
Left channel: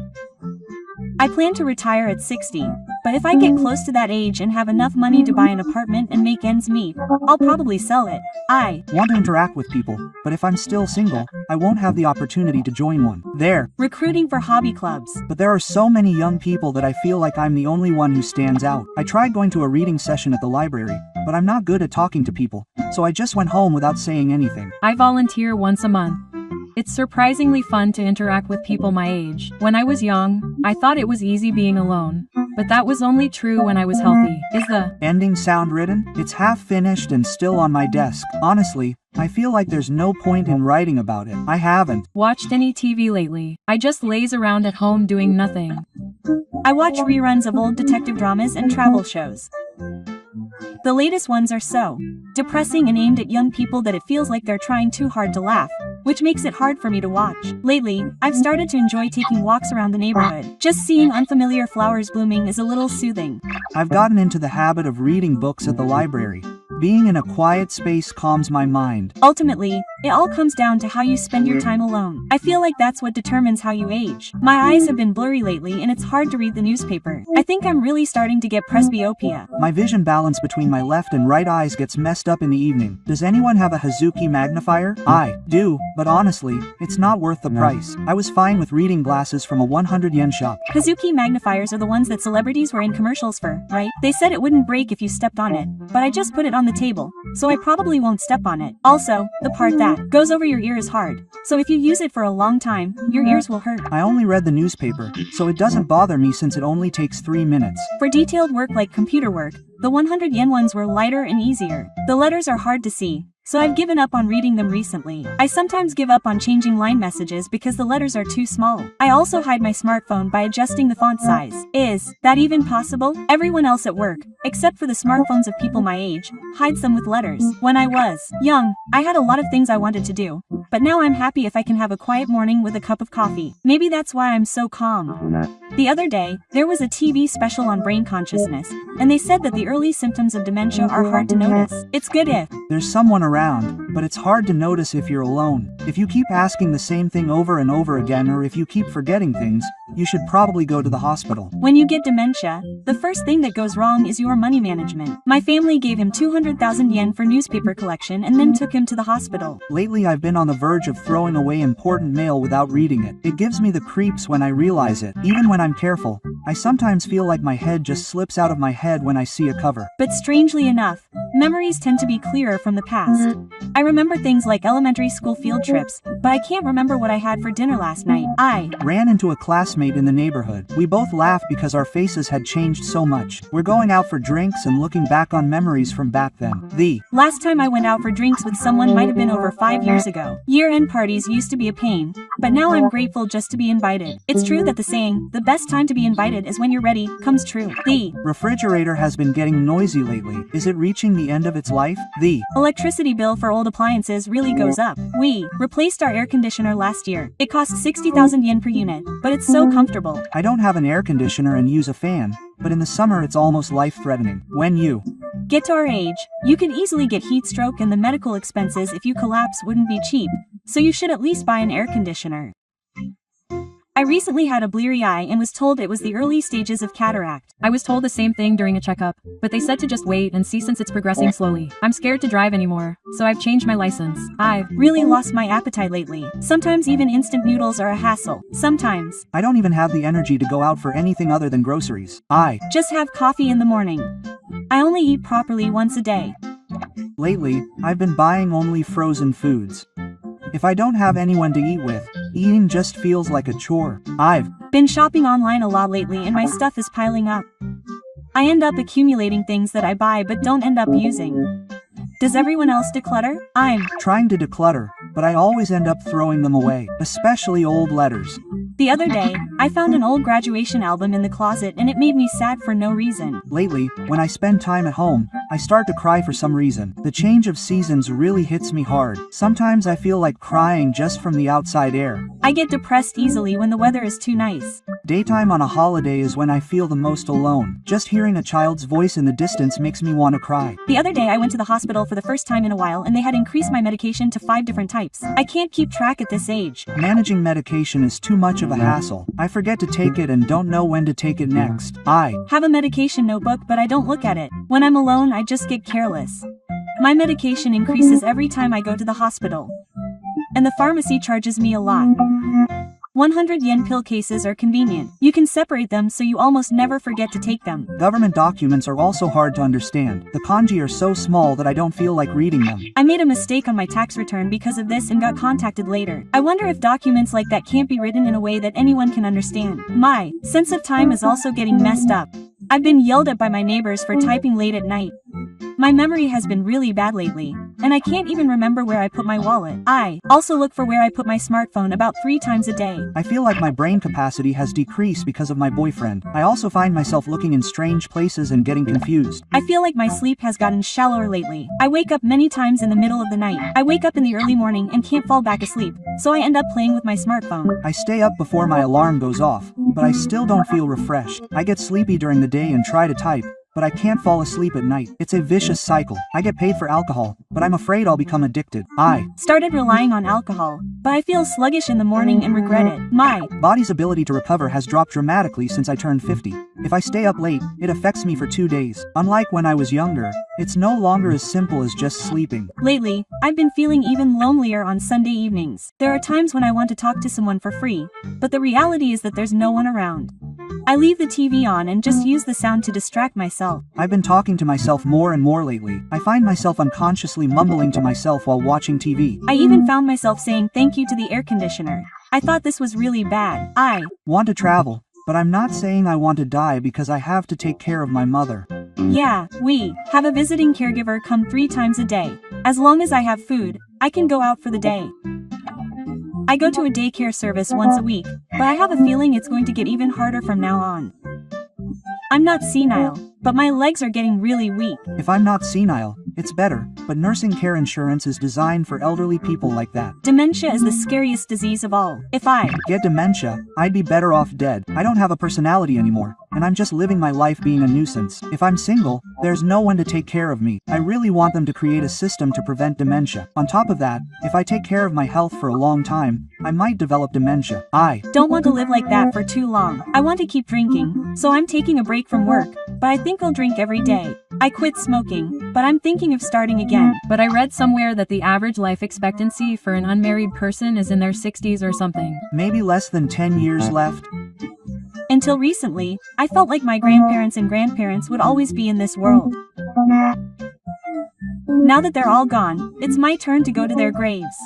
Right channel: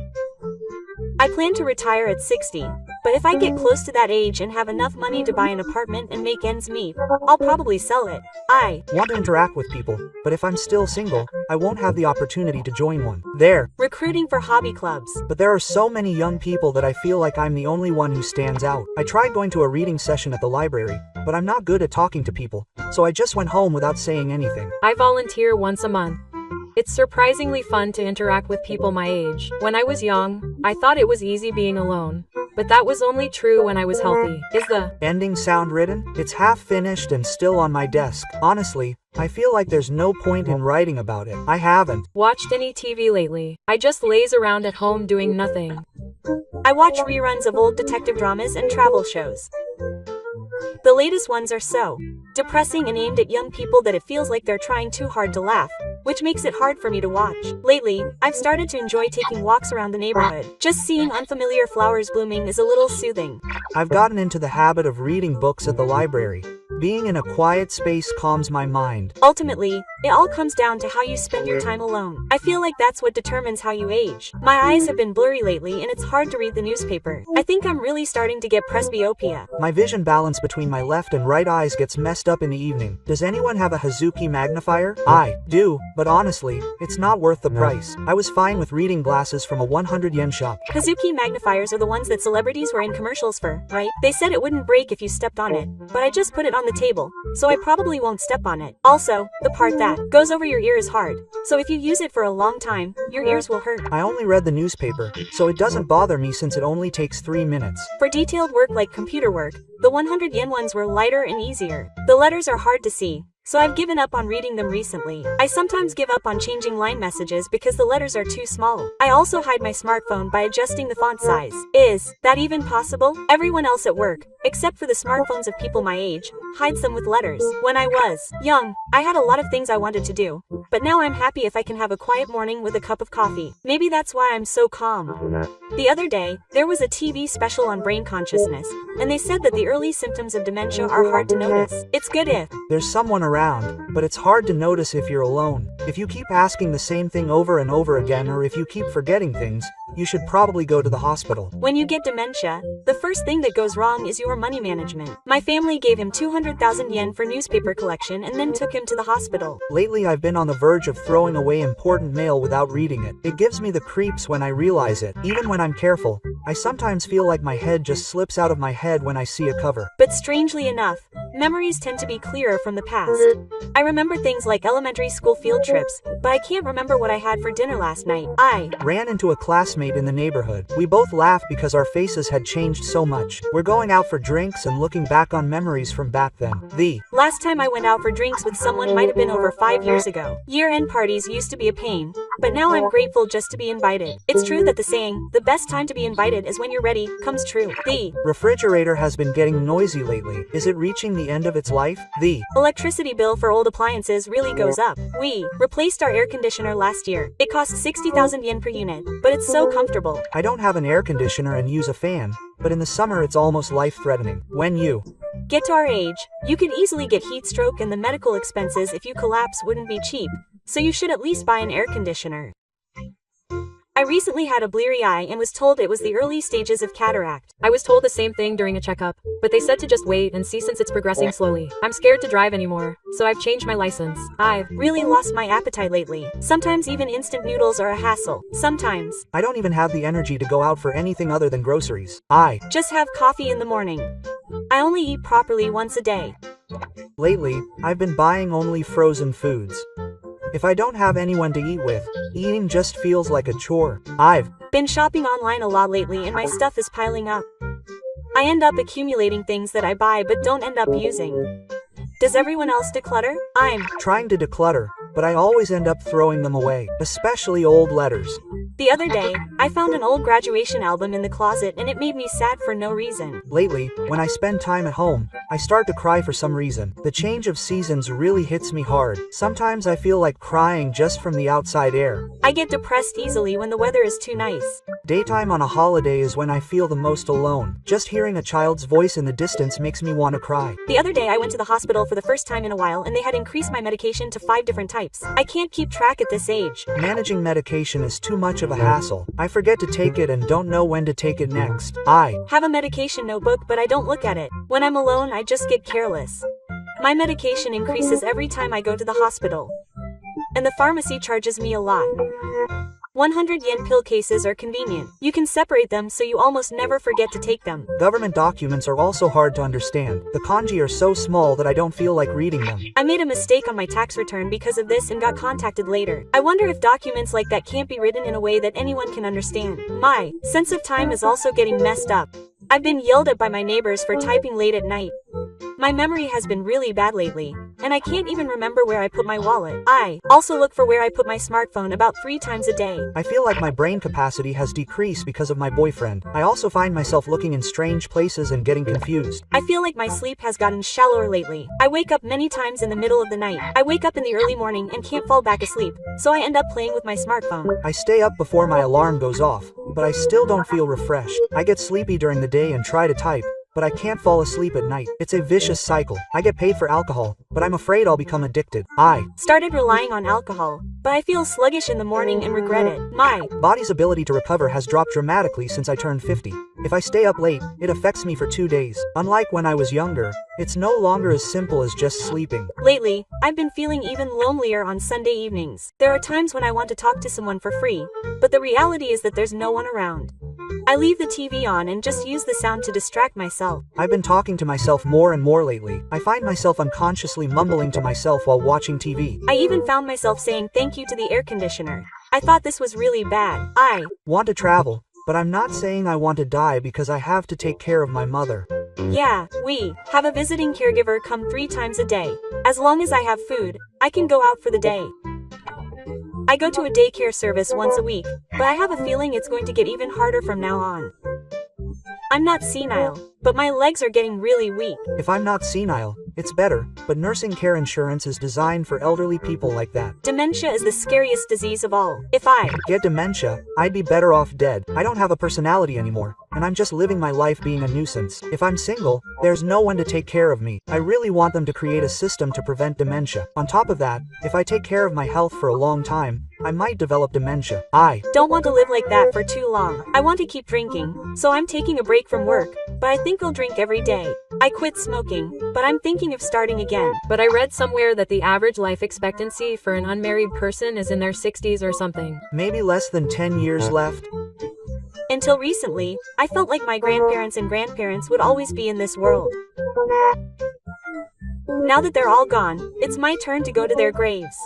I plan to retire at 60, but if I get close to that age and have enough money to buy an apartment and make ends meet, I'll probably sell it. I want to interact with people, but if I'm still single, I won't have the opportunity to join one. They're recruiting for hobby clubs. But there are so many young people that I feel like I'm the only one who stands out. I tried going to a reading session at the library, but I'm not good at talking to people, so I just went home without saying anything. I volunteer once a month. It's surprisingly fun to interact with people my age. When I was young, I thought it was easy being alone. But that was only true when I was healthy. Is the ending sound written? It's half finished and still on my desk. Honestly, I feel like there's no point in writing about it. I haven't watched any TV lately. I just laze around at home doing nothing. I watch reruns of old detective dramas and travel shows. The latest ones are so depressing and aimed at young people that it feels like they're trying too hard to laugh, which makes it hard for me to watch. Lately, I've started to enjoy taking walks around the neighborhood. Just seeing unfamiliar flowers blooming is a little soothing. I've gotten into the habit of reading books at the library. Being in a quiet space calms my mind. Ultimately, It all comes down to how you spend your time alone. I feel like that's what determines how you age. My eyes have been blurry lately and it's hard to read the newspaper. I think I'm really starting to get presbyopia. My vision balance between my left and right eyes gets messed up in the evening. Does anyone have a Hazuki magnifier? I do, but honestly, it's not worth the price. I was fine with reading glasses from a 100 yen shop. Hazuki magnifiers are the ones that celebrities were in commercials for, right? They said it wouldn't break if you stepped on it, but I just put it on the table, so I probably won't step on it. Also, the part that goes over your ear is hard, so if you use it for a long time, your ears will hurt. I only read the newspaper, so it doesn't bother me since it only takes 3 minutes. For detailed work like computer work, the 100 yen ones were lighter and easier. The letters are hard to see, so I've given up on reading them recently. I sometimes give up on changing line messages because the letters are too small. I also hide my smartphone by adjusting the font size. Is that even possible? Everyone else at work, except for the smartphones of people my age, hides them with letters. When I was young, I had a lot of things I wanted to do, but now I'm happy if I can have a quiet morning with a cup of coffee. Maybe that's why I'm so calm. The other day, there was a TV special on brain consciousness, and they said that the early symptoms of dementia are hard to notice. It's good if there's someone around, but it's hard to notice if you're alone. If you keep asking the same thing over and over again, or if you keep forgetting things, you should probably go to the hospital. When you get dementia, the first thing that goes wrong is your money management. My family gave him 200,000 yen for newspaper collection and then took him to the hospital. Lately I've been on the verge of throwing away important mail without reading it. It gives me the creeps when I realize it. Even when I'm careful, I sometimes feel like my head just slips out of my head when I see a cover. But strangely enough, memories tend to be clearer from the past. I remember things like elementary school field trips, but I can't remember what I had for dinner last night. I ran into a classmate in the neighborhood. We both laughed because our faces had changed so much. We're going out for drinks and looking back on memories from back then. The last time I went out for drinks with someone might have been over 5 years ago. Year-end parties used to be a pain, but now I'm grateful just to be invited. It's true that the saying, the best time to be invited is when you're ready, comes true. The refrigerator has been getting noisy lately. Is it reaching the end of its life? The electricity bill for old appliances really goes up. We replaced our air conditioner last year. It cost 60,000 yen per unit, but it's so comfortable. I don't have an air conditioner and use a fan, but in the summer it's almost life-threatening. When you get to our age, you can easily get heat stroke, and the medical expenses if you collapse wouldn't be cheap, so you should at least buy an air conditioner. I recently had a bleary eye and was told it was the early stages of cataract. I was told the same thing during a checkup, but they said to just wait and see since it's progressing slowly. I'm scared to drive anymore, so I've changed my license. I've really lost my appetite lately. Sometimes even instant noodles are a hassle. Sometimes I don't even have the energy to go out for anything other than groceries. I just have coffee in the morning. I only eat properly once a day. Lately, I've been buying only frozen foods. If I don't have anyone to eat with, eating just feels like a chore. I've been shopping online a lot lately and my stuff is piling up. I end up accumulating things that I buy but don't end up using. Does everyone else declutter? I'm trying to declutter, but I always end up throwing them away, especially old letters. The other day, I found an old graduation album in the closet and it made me sad for no reason. Lately, when I spend time at home, I start to cry for some reason. The change of seasons really hits me hard. Sometimes I feel like crying just from the outside air. I get depressed easily when the weather is too nice. Daytime on a holiday is when I feel the most alone. Just hearing a child's voice in the distance makes me want to cry. The other day I went to the hospital for the first time in a while and they had increased my medication to 5 different types. I can't keep track at this age. Managing medication is too much of a hassle. I forget to take it and don't know when to take it next. I have a medication notebook but I don't look at it. When I'm alone I just get careless. My medication increases every time I go to the hospital. And the pharmacy charges me a lot. 100 yen pill cases are convenient. You can separate them so you almost never forget to take them. Government documents are also hard to understand. The kanji are so small that I don't feel like reading them. I made a mistake on my tax return because of this and got contacted later. I wonder if documents like that can't be written in a way that anyone can understand. My sense of time is also getting messed up. I've been yelled at by my neighbors for typing late at night. My memory has been really bad lately, and I can't even remember where I put my wallet. I also look for where I put my smartphone about 3 times a day. I feel like my brain capacity has decreased because of my boyfriend. I also find myself looking in strange places and getting confused. I feel like my sleep has gotten shallower lately. I wake up many times in the middle of the night. I wake up in the early morning and can't fall back asleep, so I end up playing with my smartphone. I stay up before my alarm goes off, but I still don't feel refreshed. I get sleepy during the day and try to type, but I can't fall asleep at night. It's a vicious cycle. I get paid for alcohol, but I'm afraid I'll become addicted. I started relying on alcohol, but I feel sluggish in the morning and regret it. My body's ability to recover has dropped dramatically since I turned 50. If I stay up late, it affects me for 2 days. Unlike when I was younger, it's no longer as simple as just sleeping. Lately, I've been feeling even lonelier on Sunday evenings. There are times when I want to talk to someone for free, but the reality is that there's no one around. I leave the TV on and just use the sound to distract myself. I've been talking to myself more and more lately. I find myself unconsciously mumbling to myself while watching TV. I even found myself saying thank you to the air conditioner. I thought this was really bad. I want to travel, but I'm not saying I want to die because I have to take care of my mother. Yeah, we have a visiting caregiver come 3 times a day. As long as I have food, I can go out for the day. I go to a daycare service once a week, but I have a feeling it's going to get even harder from now on. I'm not senile, but my legs are getting really weak. If I'm not senile, it's better, but nursing care insurance is designed for elderly people like that. Dementia is the scariest disease of all. If I get dementia, I'd be better off dead. I don't have a personality anymore, and I'm just living my life being a nuisance. If I'm single, there's no one to take care of me. I really want them to create a system to prevent dementia. On top of that, if I take care of my health for a long time, I might develop dementia. I don't want to live like that for too long. I want to keep drinking, so I'm taking a break from work, but I think I'll drink every day. I quit smoking, but I'm thinking of starting again. But I read somewhere that the average life expectancy for an unmarried person is in their 60s or something. Maybe less than 10 years left. Until recently, I felt like my grandparents and grandparents would always be in this world. Now that they're all gone, it's my turn to go to their graves.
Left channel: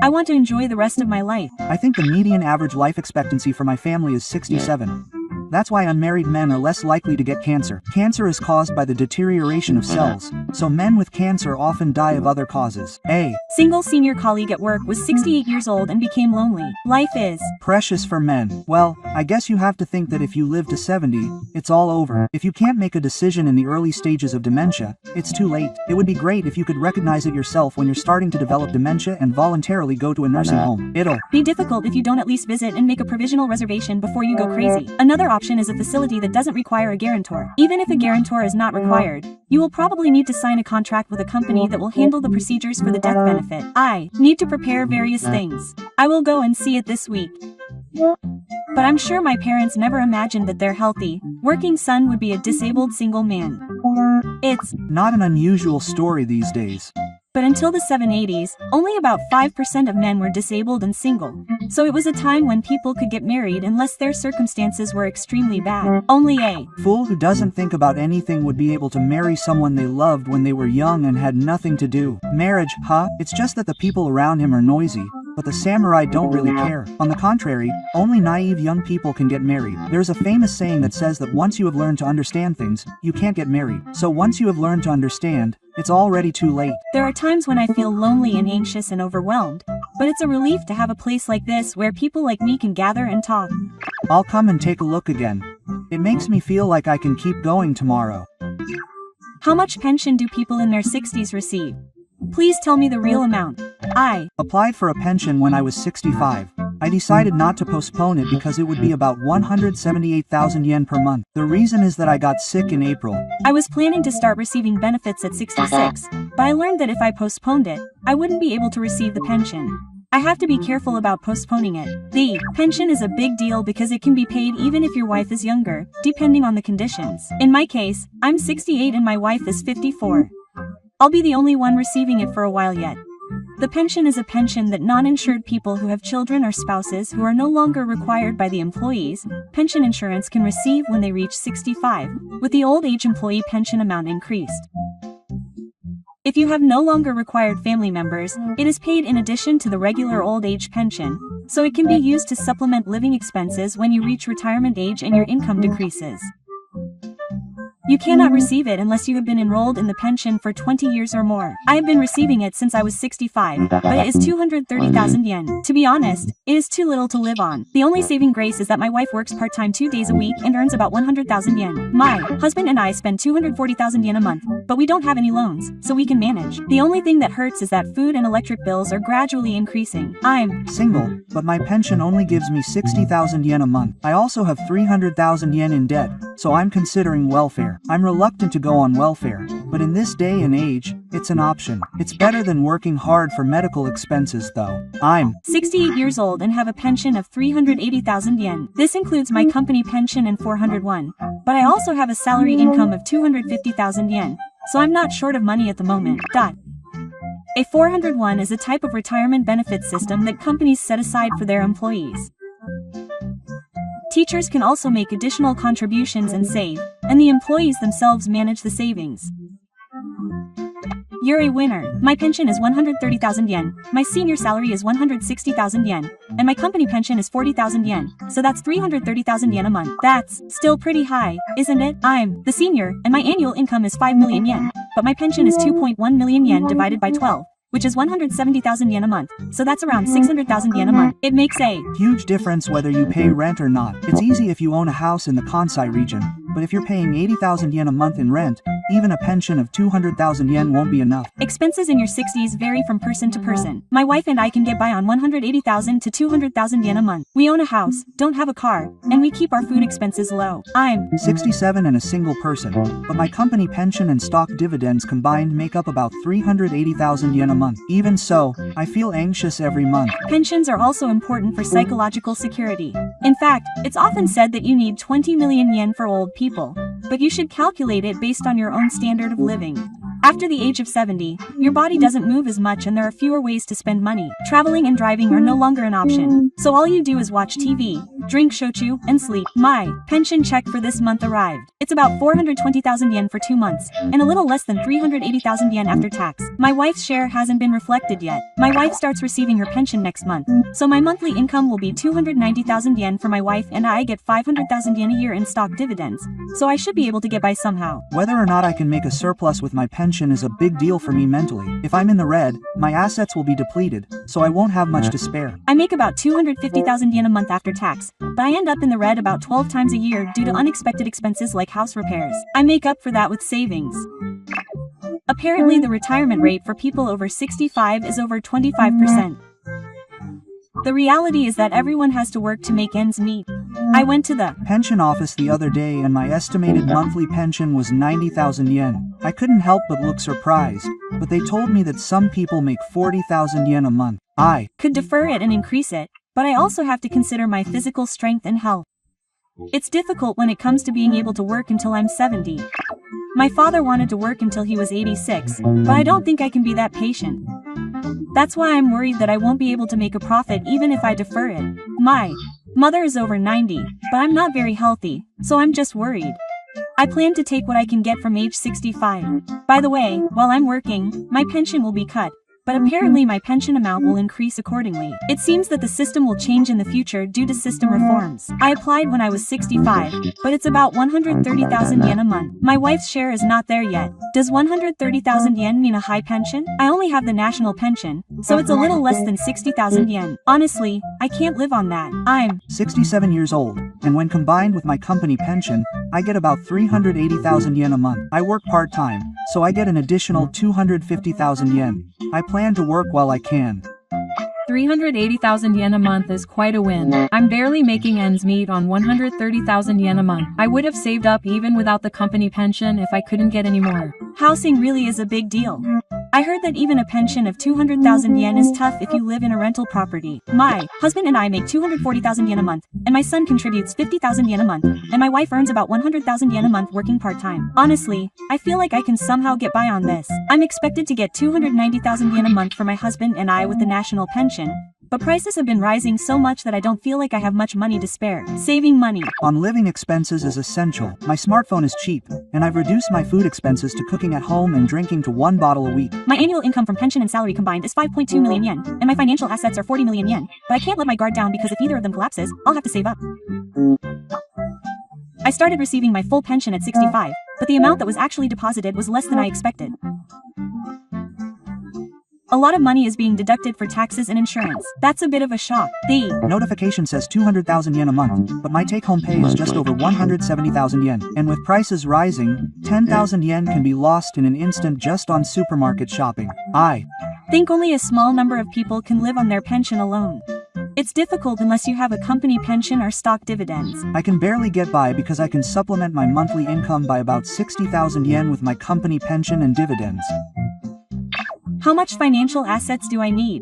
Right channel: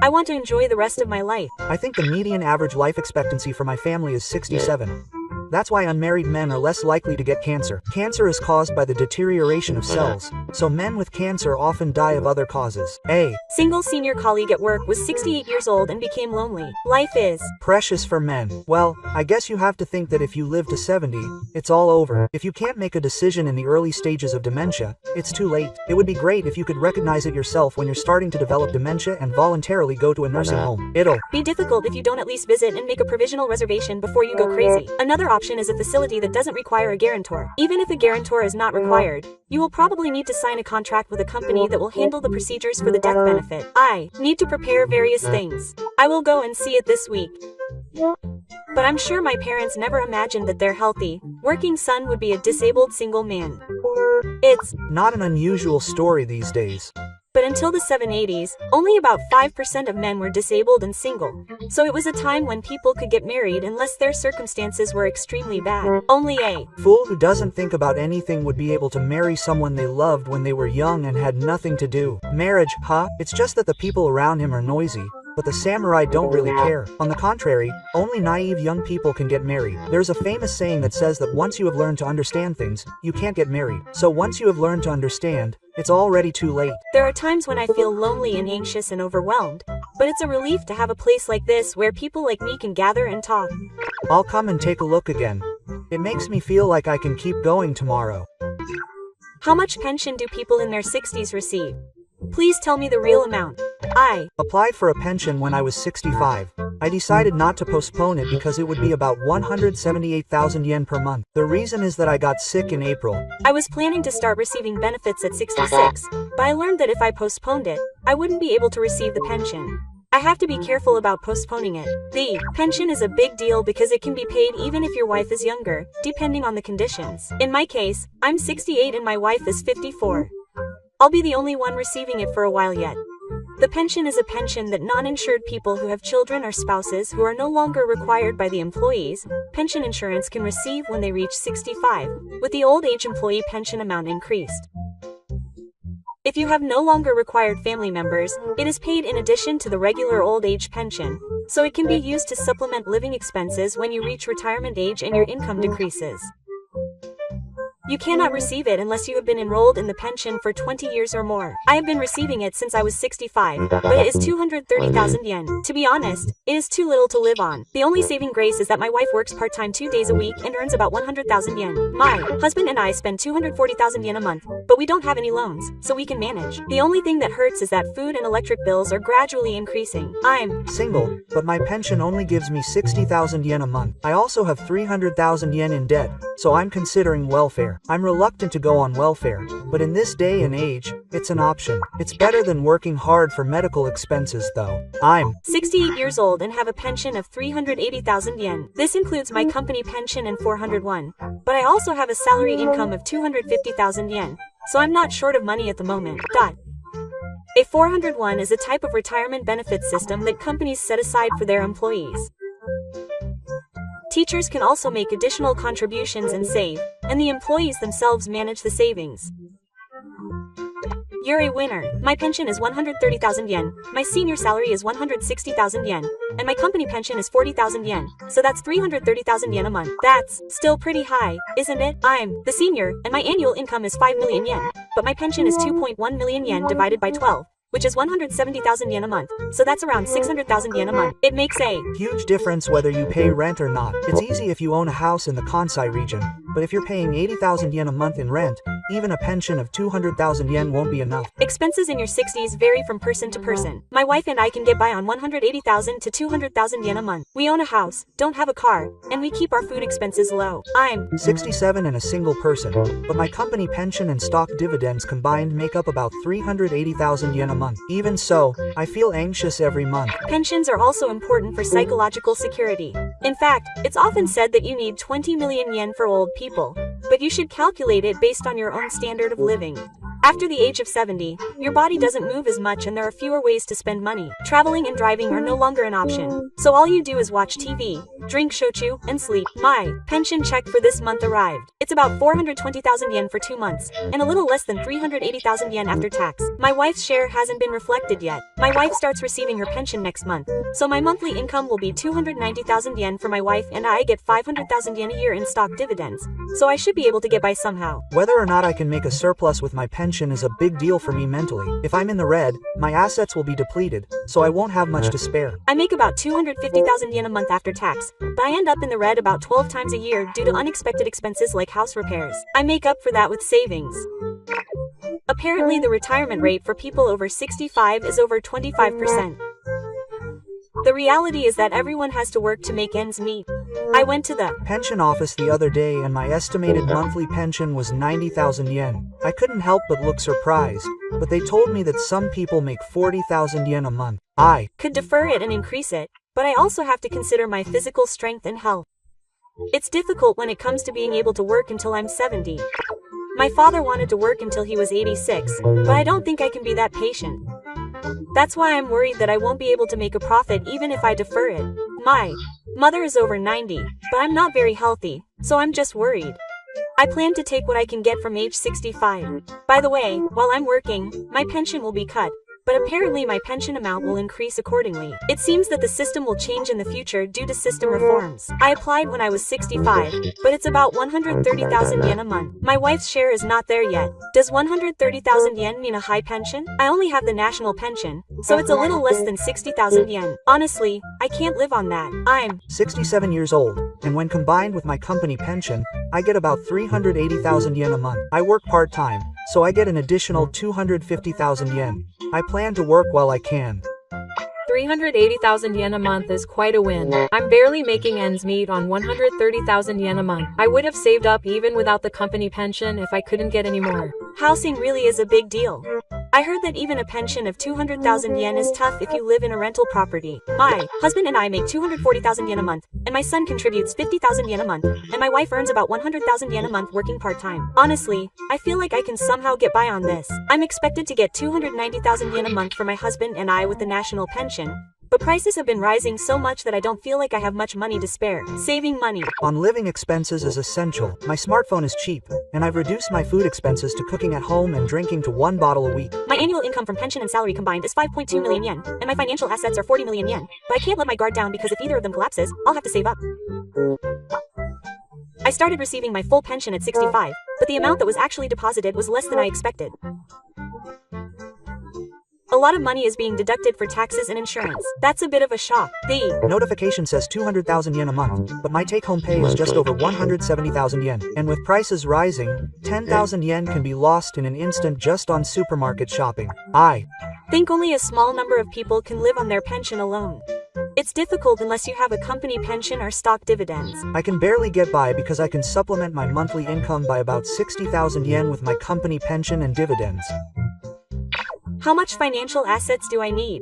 I want to enjoy the rest of my life. I think the median average life expectancy for my family is 67. That's why unmarried men are less likely to get cancer. Cancer is caused by the deterioration of cells, so men with cancer often die of other causes. A single senior colleague at work was 68 years old and became lonely. Life is precious for men. Well, I guess you have to think that if you live to 70, it's all over. If you can't make a decision in the early stages of dementia, it's too late. It would be great if you could recognize it yourself when you're starting to develop dementia and voluntarily go to a nursing home. It'll be difficult if you don't at least visit and make a provisional reservation before you go crazy. Another option is a facility that doesn't require a guarantor. Even if a guarantor is not required, you will probably need to sign a contract with a company that will handle the procedures for the death benefit. I need to prepare various things. I will go and see it this week. But I'm sure my parents never imagined that their healthy, working son would be a disabled single man. It's not an unusual story these days. But until the 780s, only about 5% of men were disabled and single. So it was a time when people could get married unless their circumstances were extremely bad. Only a fool who doesn't think about anything would be able to marry someone they loved when they were young and had nothing to do. Marriage, huh? It's just that the people around him are noisy, but the samurai don't really care. On the contrary, only naive young people can get married. There's a famous saying that says that once you have learned to understand things, you can't get married. So once you have learned to understand, it's already too late. There are times when I feel lonely and anxious and overwhelmed, but it's a relief to have a place like this where people like me can gather and talk. I'll come and take a look again. It makes me feel like I can keep going tomorrow. How much pension do people in their 60s receive? Please tell me the real amount. I applied for a pension when I was 65. I decided not to postpone it because it would be about 178,000 yen per month. The reason is that I got sick in April. I was planning to start receiving benefits at 66, but I learned that if I postponed it, I wouldn't be able to receive the pension. I have to be careful about postponing it. The pension is a big deal because it can be paid even if your wife is younger, depending on the conditions. In my case, I'm 68 and my wife is 54. I'll be the only one receiving it for a while yet. The pension is a pension that non-insured people who have children or spouses who are no longer required by the employees' pension insurance can receive when they reach 65, with the old age employee pension amount increased. If you have no longer required family members, it is paid in addition to the regular old age pension, so it can be used to supplement living expenses when you reach retirement age and your income decreases. You cannot receive it unless you have been enrolled in the pension for 20 years or more. I have been receiving it since I was 65, but it is 230,000 yen. To be honest, it is too little to live on. The only saving grace is that my wife works part-time 2 days a week and earns about 100,000 yen. My husband and I spend 240,000 yen a month, but we don't have any loans, so we can manage. The only thing that hurts is that food and electric bills are gradually increasing. I'm single, but my pension only gives me 60,000 yen a month. I also have 300,000 yen in debt, so I'm considering welfare. I'm reluctant to go on welfare, but in this day and age, it's an option. It's better than working hard for medical expenses though. I'm 68 years old and have a pension of 380,000 yen. This includes my company pension and 401. But I also have a salary income of 250,000 yen, so I'm not short of money at the moment. A 401 is a type of retirement benefit system that companies set aside for their employees. Teachers can also make additional contributions and save, and the employees themselves manage the savings. You're a winner. My pension is 130,000 yen, my senior salary is 160,000 yen, and my company pension is 40,000 yen, so that's 330,000 yen a month. That's still pretty high, isn't it? I'm the senior, and my annual income is 5 million yen, but my pension is 2.1 million yen divided by 12, which is 170,000 yen a month, so that's around 600,000 yen a month. It makes a huge difference whether you pay rent or not. It's easy if you own a house in the Kansai region, but if you're paying 80,000 yen a month in rent, even a pension of 200,000 yen won't be enough. Expenses in your 60s vary from person to person. My wife and I can get by on 180,000 to 200,000 yen a month. We own a house, don't have a car, and we keep our food expenses low. I'm 67 and a single person, but my company pension and stock dividends combined make up about 380,000 yen a month. Even so, I feel anxious every month. Pensions are also important for psychological security. In fact, it's often said that you need 20 million yen for old people, but you should calculate it based on your own standard of living. After the age of 70, your body doesn't move as much and there are fewer ways to spend money. Traveling and driving are no longer an option, so all you do is watch TV, drink shochu, and sleep. My pension check for this month arrived. It's about 420,000 yen for 2 months, and a little less than 380,000 yen after tax. My wife's share hasn't been reflected yet. My wife starts receiving her pension next month, so my monthly income will be 290,000 yen for my wife and I get 500,000 yen a year in stock dividends, so I should be able to get by somehow. Whether or not I can make a surplus with my pension is a big deal for me mentally. If I'm in the red, my assets will be depleted, so I won't have much to spare. I make about 250,000 yen a month after tax, but I end up in the red about 12 times a year due to unexpected expenses like house repairs. I make up for that with savings. Apparently, the retirement rate for people over 65 is over 25%. The reality is that everyone has to work to make ends meet. I went to the pension office the other day and my estimated monthly pension was 90,000 yen. I couldn't help but look surprised, but they told me that some people make 40,000 yen a month. I could defer it and increase it, but I also have to consider my physical strength and health. It's difficult when it comes to being able to work until I'm 70. My father wanted to work until he was 86, but I don't think I can be that patient. That's why I'm worried that I won't be able to make a profit even if I defer it. My mother is over 90, but I'm not very healthy, so I'm just worried. I plan to take what I can get from age 65. By the way, while I'm working, my pension will be cut, but apparently my pension amount will increase accordingly. It seems that the system will change in the future due to system reforms. I applied when I was 65, but it's about 130,000 yen a month. My wife's share is not there yet. Does 130,000 yen mean a high pension? I only have the national pension, so it's a little less than 60,000 yen. Honestly, I can't live on that. I'm 67 years old, and when combined with my company pension, I get about 380,000 yen a month. I work part-time, so I get an additional 250,000 yen. I plan to work while I can. 380,000 yen a month is quite a win. I'm barely making ends meet on 130,000 yen a month. I would have saved up even without the company pension if I couldn't get any more. Housing really is a big deal. I heard that even a pension of 200,000 yen is tough if you live in a rental property. My husband and I make 240,000 yen a month, and my son contributes 50,000 yen a month, and my wife earns about 100,000 yen a month working part-time. Honestly, I feel like I can somehow get by on this. I'm expected to get 290,000 yen a month for my husband and I with the national pension, but prices have been rising so much that I don't feel like I have much money to spare. Saving money on living expenses is essential. My smartphone is cheap, and I've reduced my food expenses to cooking at home and drinking to 1 bottle a week. My annual income from pension and salary combined is 5.2 million yen, and my financial assets are 40 million yen, but I can't let my guard down because if either of them collapses, I'll have to save up. I started receiving my full pension at 65, but the amount that was actually deposited was less than I expected. A lot of money is being deducted for taxes and insurance. That's a bit of a shock. The notification says 200,000 yen a month, but my take-home pay is just over 170,000 yen. And with prices rising, 10,000 yen can be lost in an instant just on supermarket shopping. I think only a small number of people can live on their pension alone. It's difficult unless you have a company pension or stock dividends. I can barely get by because I can supplement my monthly income by about 60,000 yen with my company pension and dividends. How much financial assets do I need?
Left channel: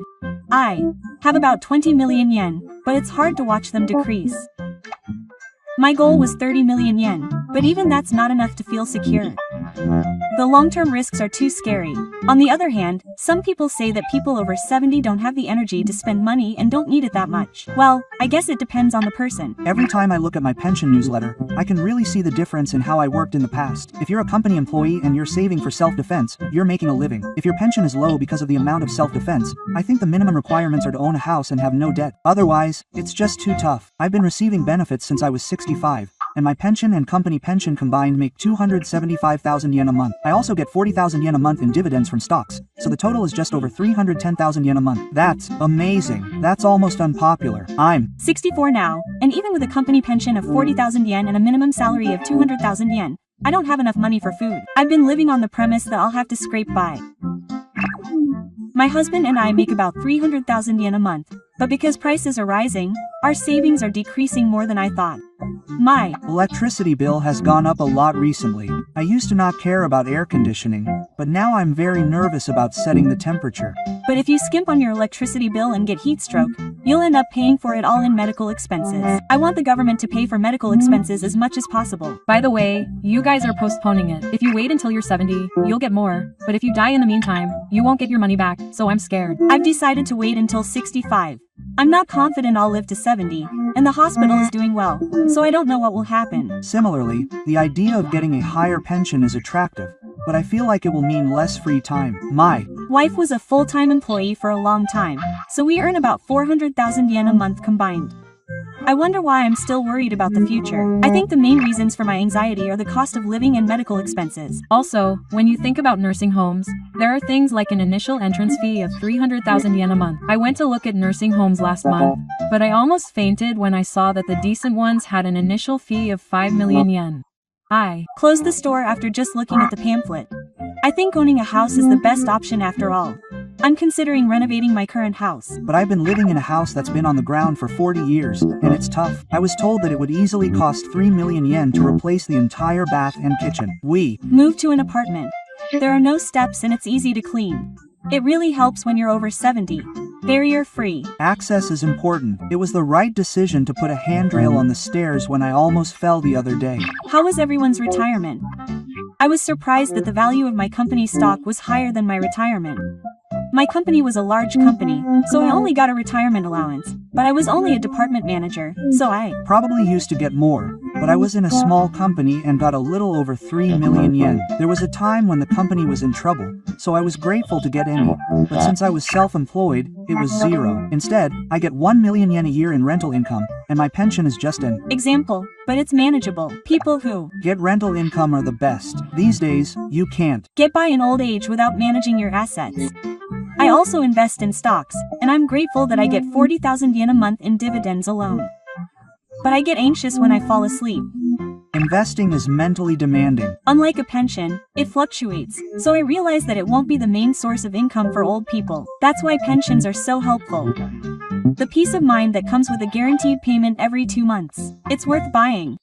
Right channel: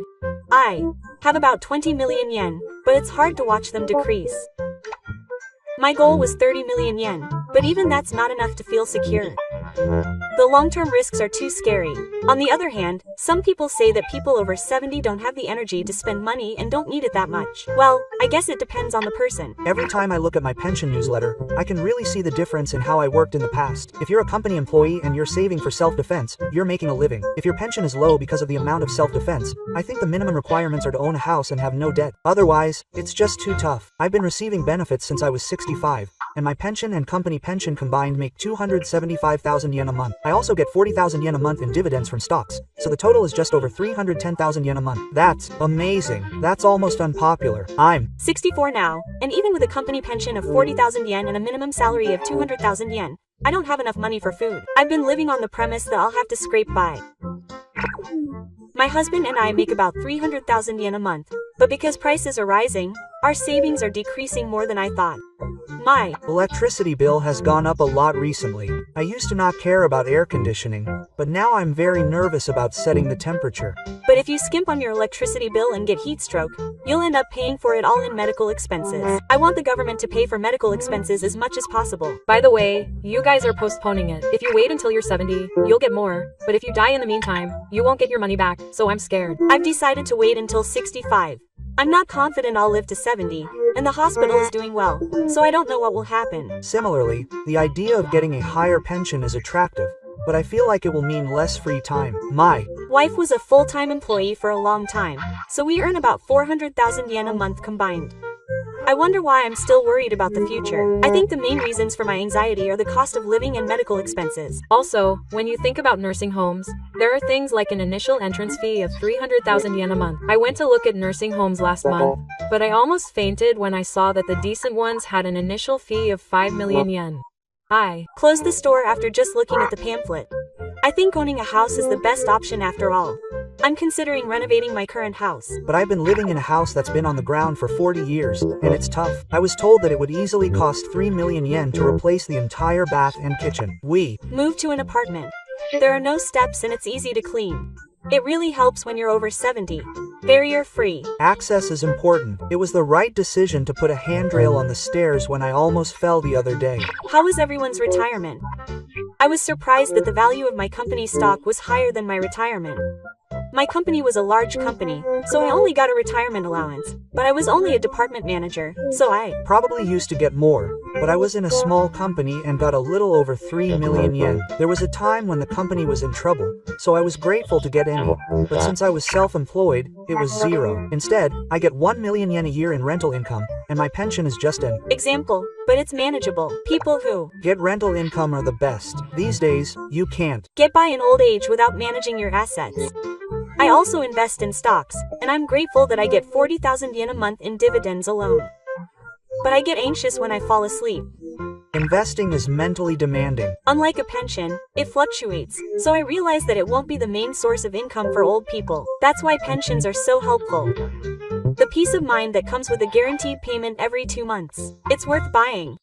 I have about 20 million yen, but it's hard to watch them decrease. My goal was 30 million yen, but even that's not enough to feel secure. The long-term risks are too scary. On the other hand, some people say that people over 70 don't have the energy to spend money and don't need it that much. Well, I guess it depends on the person. Every time I look at my pension newsletter, I can really see the difference in how I worked in the past. If you're a company employee and you're saving for self-defense, you're making a living. If your pension is low because of the amount of self-defense, I think the minimum requirements are to own a house and have no debt. Otherwise, it's just too tough. I've been receiving benefits since I was 65. And my pension and company pension combined make 275,000 yen a month. I also get 40,000 yen a month in dividends from stocks, so the total is just over 310,000 yen a month. That's amazing. That's almost unpopular. I'm 64 now, and even with a company pension of 40,000 yen and a minimum salary of 200,000 yen, I don't have enough money for food. I've been living on the premise that I'll have to scrape by. My husband and I make about 300,000 yen a month, but because prices are rising, our savings are decreasing more than I thought. My electricity bill has gone up a lot recently. I used to not care about air conditioning, but now I'm very nervous about setting the temperature. But if you skimp on your electricity bill and get heat stroke, you'll end up paying for it all in medical expenses. I want the government to pay for medical expenses as much as possible. By the way, you guys are postponing it. If you wait until you're 70, you'll get more. But if you die in the meantime, you won't get your money back, so I'm scared. I've decided to wait until 65. I'm not confident I'll live to 70, and the hospital is doing well, so I don't know what will happen. Similarly, the idea of getting a higher pension is attractive, but I feel like it will mean less free time. My wife was a full-time employee for a long time, so we earn about 400,000 yen a month combined. I wonder why I'm still worried about the future. I think the main reasons for my anxiety are the cost of living and medical expenses. Also, when you think about nursing homes, there are things like an initial entrance fee of 300,000 yen a month. I went to look at nursing homes last month, but I almost fainted when I saw that the decent ones had an initial fee of 5 million yen. I closed the store after just looking at the pamphlet. I think owning a house is the best option after all. I'm considering renovating my current house. But I've been living in a house that's been on the ground for 40 years, and it's tough. I was told that it would easily cost 3 million yen to replace the entire bath and kitchen. We moved to an apartment. There are no steps and it's easy to clean. It really helps when you're over 70. Barrier-free. Access is important. It was the right decision to put a handrail on the stairs when I almost fell the other day. How was everyone's retirement? I was surprised that the value of my company's stock was higher than my retirement. My company was a large company, so I only got a retirement allowance, but I was only a department manager, so I probably used to get more, but I was in a small company and got a little over 3 million yen. There was a time when the company was in trouble, so I was grateful to get any, but since I was self-employed, it was zero. Instead, I get 1 million yen a year in rental income, and my pension is just an example, but it's manageable. People who get rental income are the best. These days, you can't get by in old age without managing your assets. I also invest in stocks, and I'm grateful that I get 40,000 yen a month in dividends alone. But I get anxious when I fall asleep. Investing is mentally demanding. Unlike a pension, it fluctuates, so I realize that it won't be the main source of income for old people. That's why pensions are so helpful. The peace of mind that comes with a guaranteed payment every 2 months. It's worth buying.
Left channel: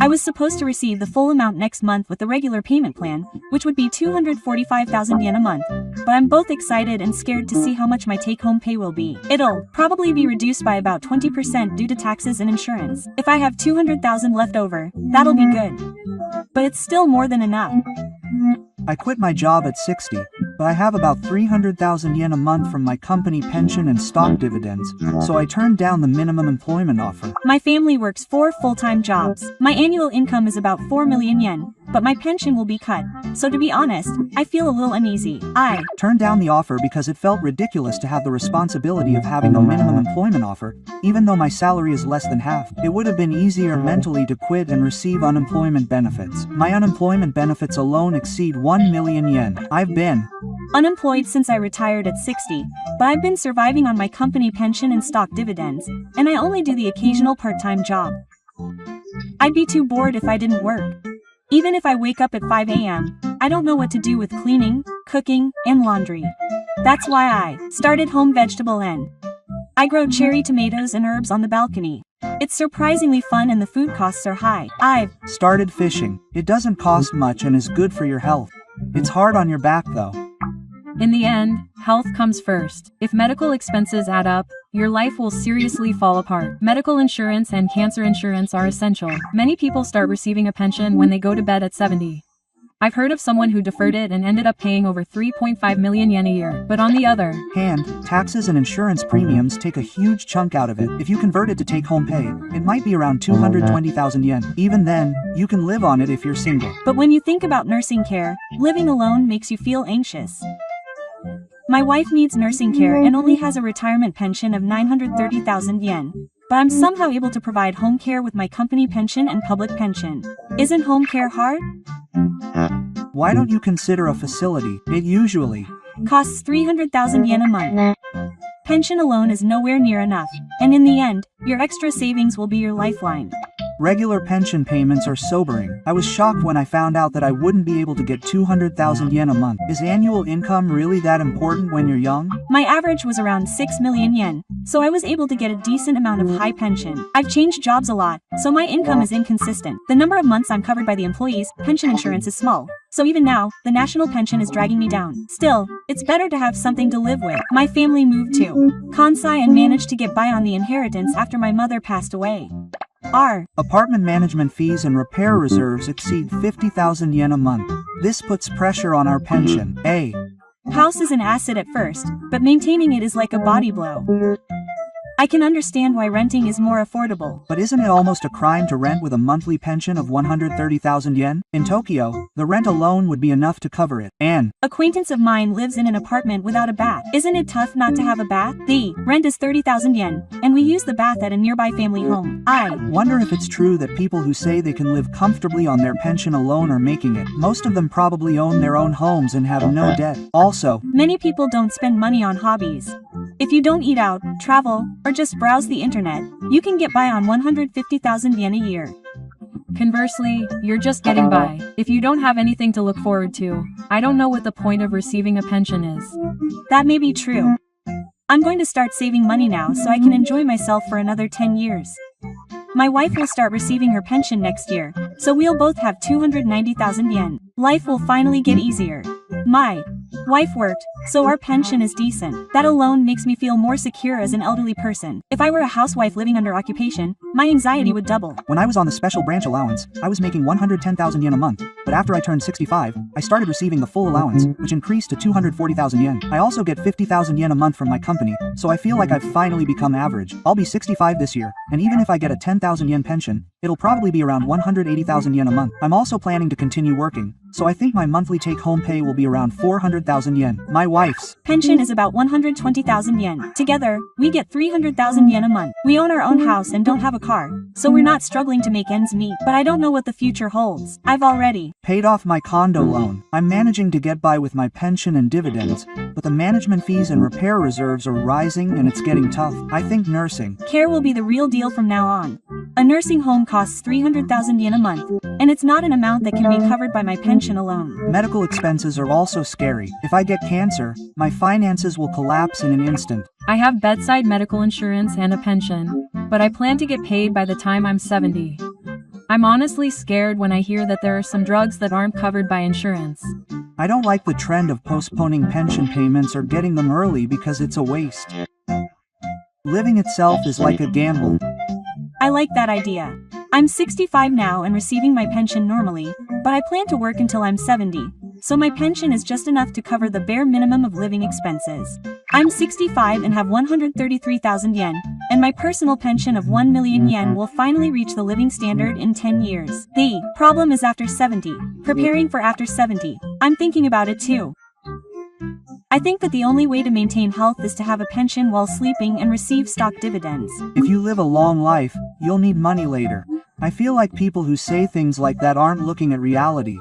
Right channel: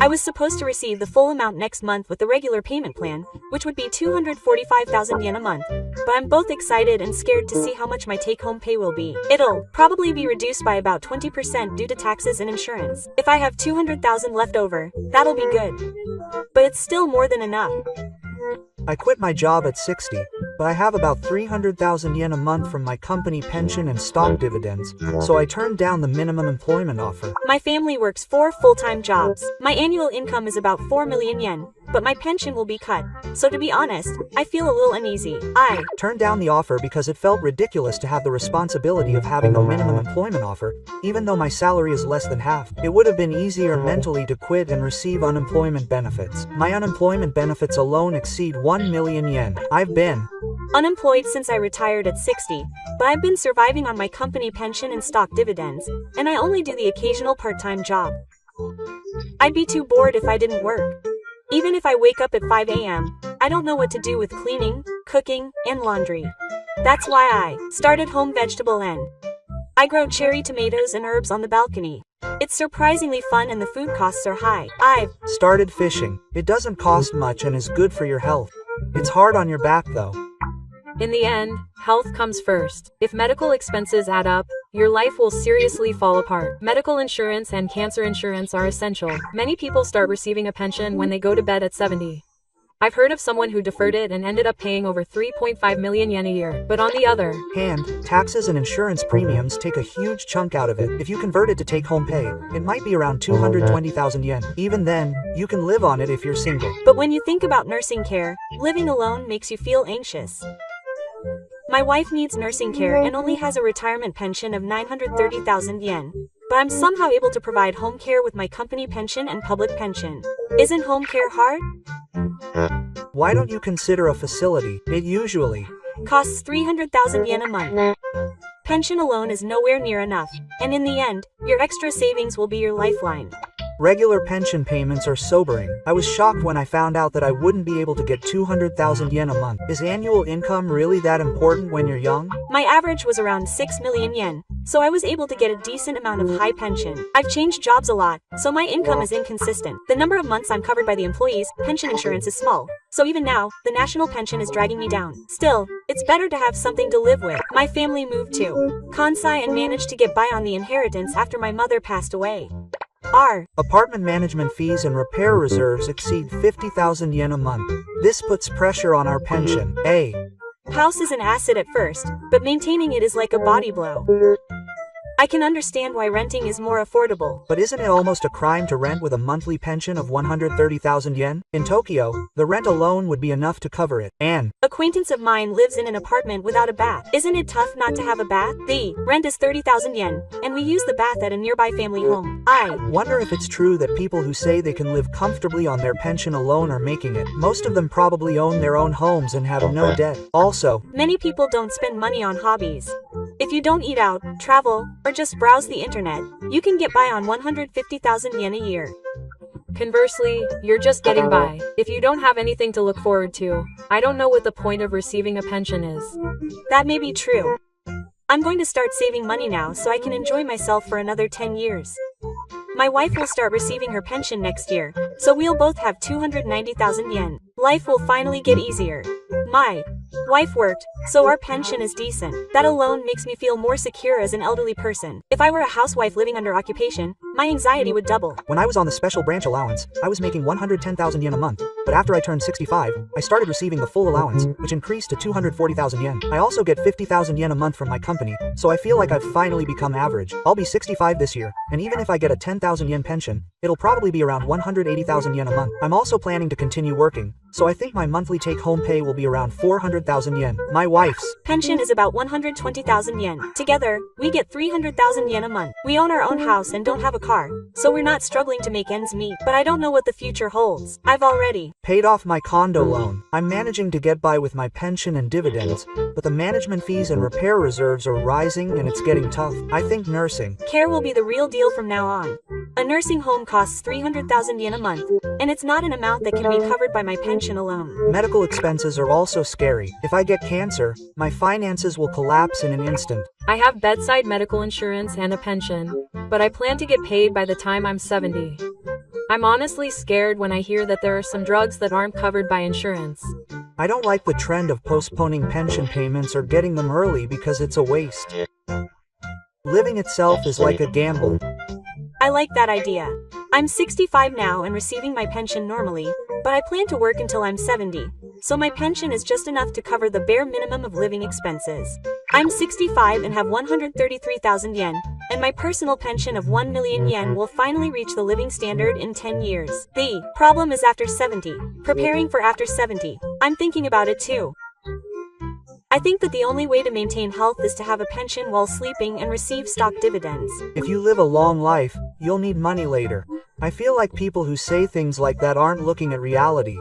I was supposed to receive the full amount next month with the regular payment plan, which would be 245,000 yen a month, but I'm both excited and scared to see how much my take-home pay will be. It'll probably be reduced by about 20% due to taxes and insurance. If I have 200,000 left over, that'll be good. But it's still more than enough. I quit my job at 60, but I have about 300,000 yen a month from my company pension and stock dividends, so I turned down the minimum employment offer. My family works 4 full-time jobs. My annual income is about 4 million yen, but my pension will be cut, so to be honest, I feel a little uneasy. I turned down the offer because it felt ridiculous to have the responsibility of having a minimum employment offer, even though my salary is less than half. It would have been easier mentally to quit and receive unemployment benefits. My unemployment benefits alone exceed 1 million yen. I've been unemployed since I retired at 60, but I've been surviving on my company pension and stock dividends, and I only do the occasional part-time job. I'd be too bored if I didn't work. Even if I wake up at 5 a.m., I don't know what to do with cleaning, cooking, and laundry. That's why I started Home Vegetable N. I grow cherry tomatoes and herbs on the balcony. It's surprisingly fun and the food costs are high. I've started fishing. It doesn't cost much and is good for your health. It's hard on your back though. In the end, health comes first. If medical expenses add up, your life will seriously fall apart. Medical insurance and cancer insurance are essential. Many people start receiving a pension when they go to bed at 70. I've heard of someone who deferred it and ended up paying over 3.5 million yen a year. But on the other hand, taxes and insurance premiums take a huge chunk out of it. If you convert it to take-home pay, it might be around 220,000 yen. Even then, you can live on it if you're single. But when you think about nursing care, living alone makes you feel anxious. My wife needs nursing care and only has a retirement pension of 930,000 yen. But I'm somehow able to provide home care with my company pension and public pension. Isn't home care hard? Why don't you consider a facility? It usually costs 300,000 yen a month. Pension alone is nowhere near enough, and in the end, your extra savings will be your lifeline. Regular pension payments are sobering. I was shocked when I found out that I wouldn't be able to get 200,000 yen a month. Is annual income really that important when you're young? My average was around 6 million yen, so I was able to get a decent amount of high pension. I've changed jobs a lot, so my income is inconsistent. The number of months I'm covered by the employees' pension insurance is small, so even now, the national pension is dragging me down. Still, it's better to have something to live with. My family moved to Kansai and managed to get by on the inheritance after my mother passed away. Our apartment management fees and repair reserves exceed 50,000 yen a month. This puts pressure on our pension. A house is an asset at first, but maintaining it is like a body blow. I can understand why renting is more affordable. But isn't it almost a crime to rent with a monthly pension of 130,000 yen? In Tokyo, the rent alone would be enough to cover it. An acquaintance of mine lives in an apartment without a bath. Isn't it tough not to have a bath? The rent is 30,000 yen, and we use the bath at a nearby family home. I wonder if it's true that people who say they can live comfortably on their pension alone are making it. Most of them probably own their own homes and have no debt. Also, many people don't spend money on hobbies. If you don't eat out, travel, or just browse the internet, you can get by on 150,000 yen a year. Conversely, you're just getting by. If you don't have anything to look forward to, I don't know what the point of receiving a pension is. That may be true. I'm going to start saving money now so I can enjoy myself for another 10 years. My wife will start receiving her pension next year, so we'll both have 290,000 yen. Life will finally get easier. My wife worked, so our pension is decent. That alone makes me feel more secure as an elderly person. If I were a housewife living under occupation, my anxiety would double. When I was on the special branch allowance, I was making 110,000 yen a month, but after I turned 65, I started receiving the full allowance, which increased to 240,000 yen. I also get 50,000 yen a month from my company, so I feel like I've finally become average. I'll be 65 this year, and even if I get a 10,000 yen pension, it'll probably be around 180,000 yen a month. I'm also planning to continue working, so I think my monthly take-home pay will be around 400,000 yen. My wife's pension is about 120,000 yen. Together, we get 300,000 yen a month. We own our own house and don't have a car, so we're not struggling to make ends meet. But I don't know what the future holds. I've already paid off my condo loan. I'm managing to get by with my pension and dividends, but the management fees and repair reserves are rising and it's getting tough. I think nursing care will be the real deal from now on. A nursing home costs 300,000 yen a month, and it's not an amount that can be covered by my pension alone. Medical expenses are also scary. If I get cancer, my finances will collapse in an instant. I have bedside medical insurance and a pension, but I plan to get paid by the time I'm 70. I'm honestly scared when I hear that there are some drugs that aren't covered by insurance. I don't like the trend of postponing pension payments or getting them early because it's a waste. Living itself is like a gamble. I like that idea. I'm 65 now and receiving my pension normally, but I plan to work until I'm 70, so my pension is just enough to cover the bare minimum of living expenses. I'm 65 and have 133,000 yen, and my personal pension of 1 million yen will finally reach the living standard in 10 years. The problem is after 70. Preparing for after 70. I'm thinking about it too. I think that the only way to maintain health is to have a pension while sleeping and receive stock dividends. If you live a long life, you'll need money later. I feel like people who say things like that aren't looking at reality.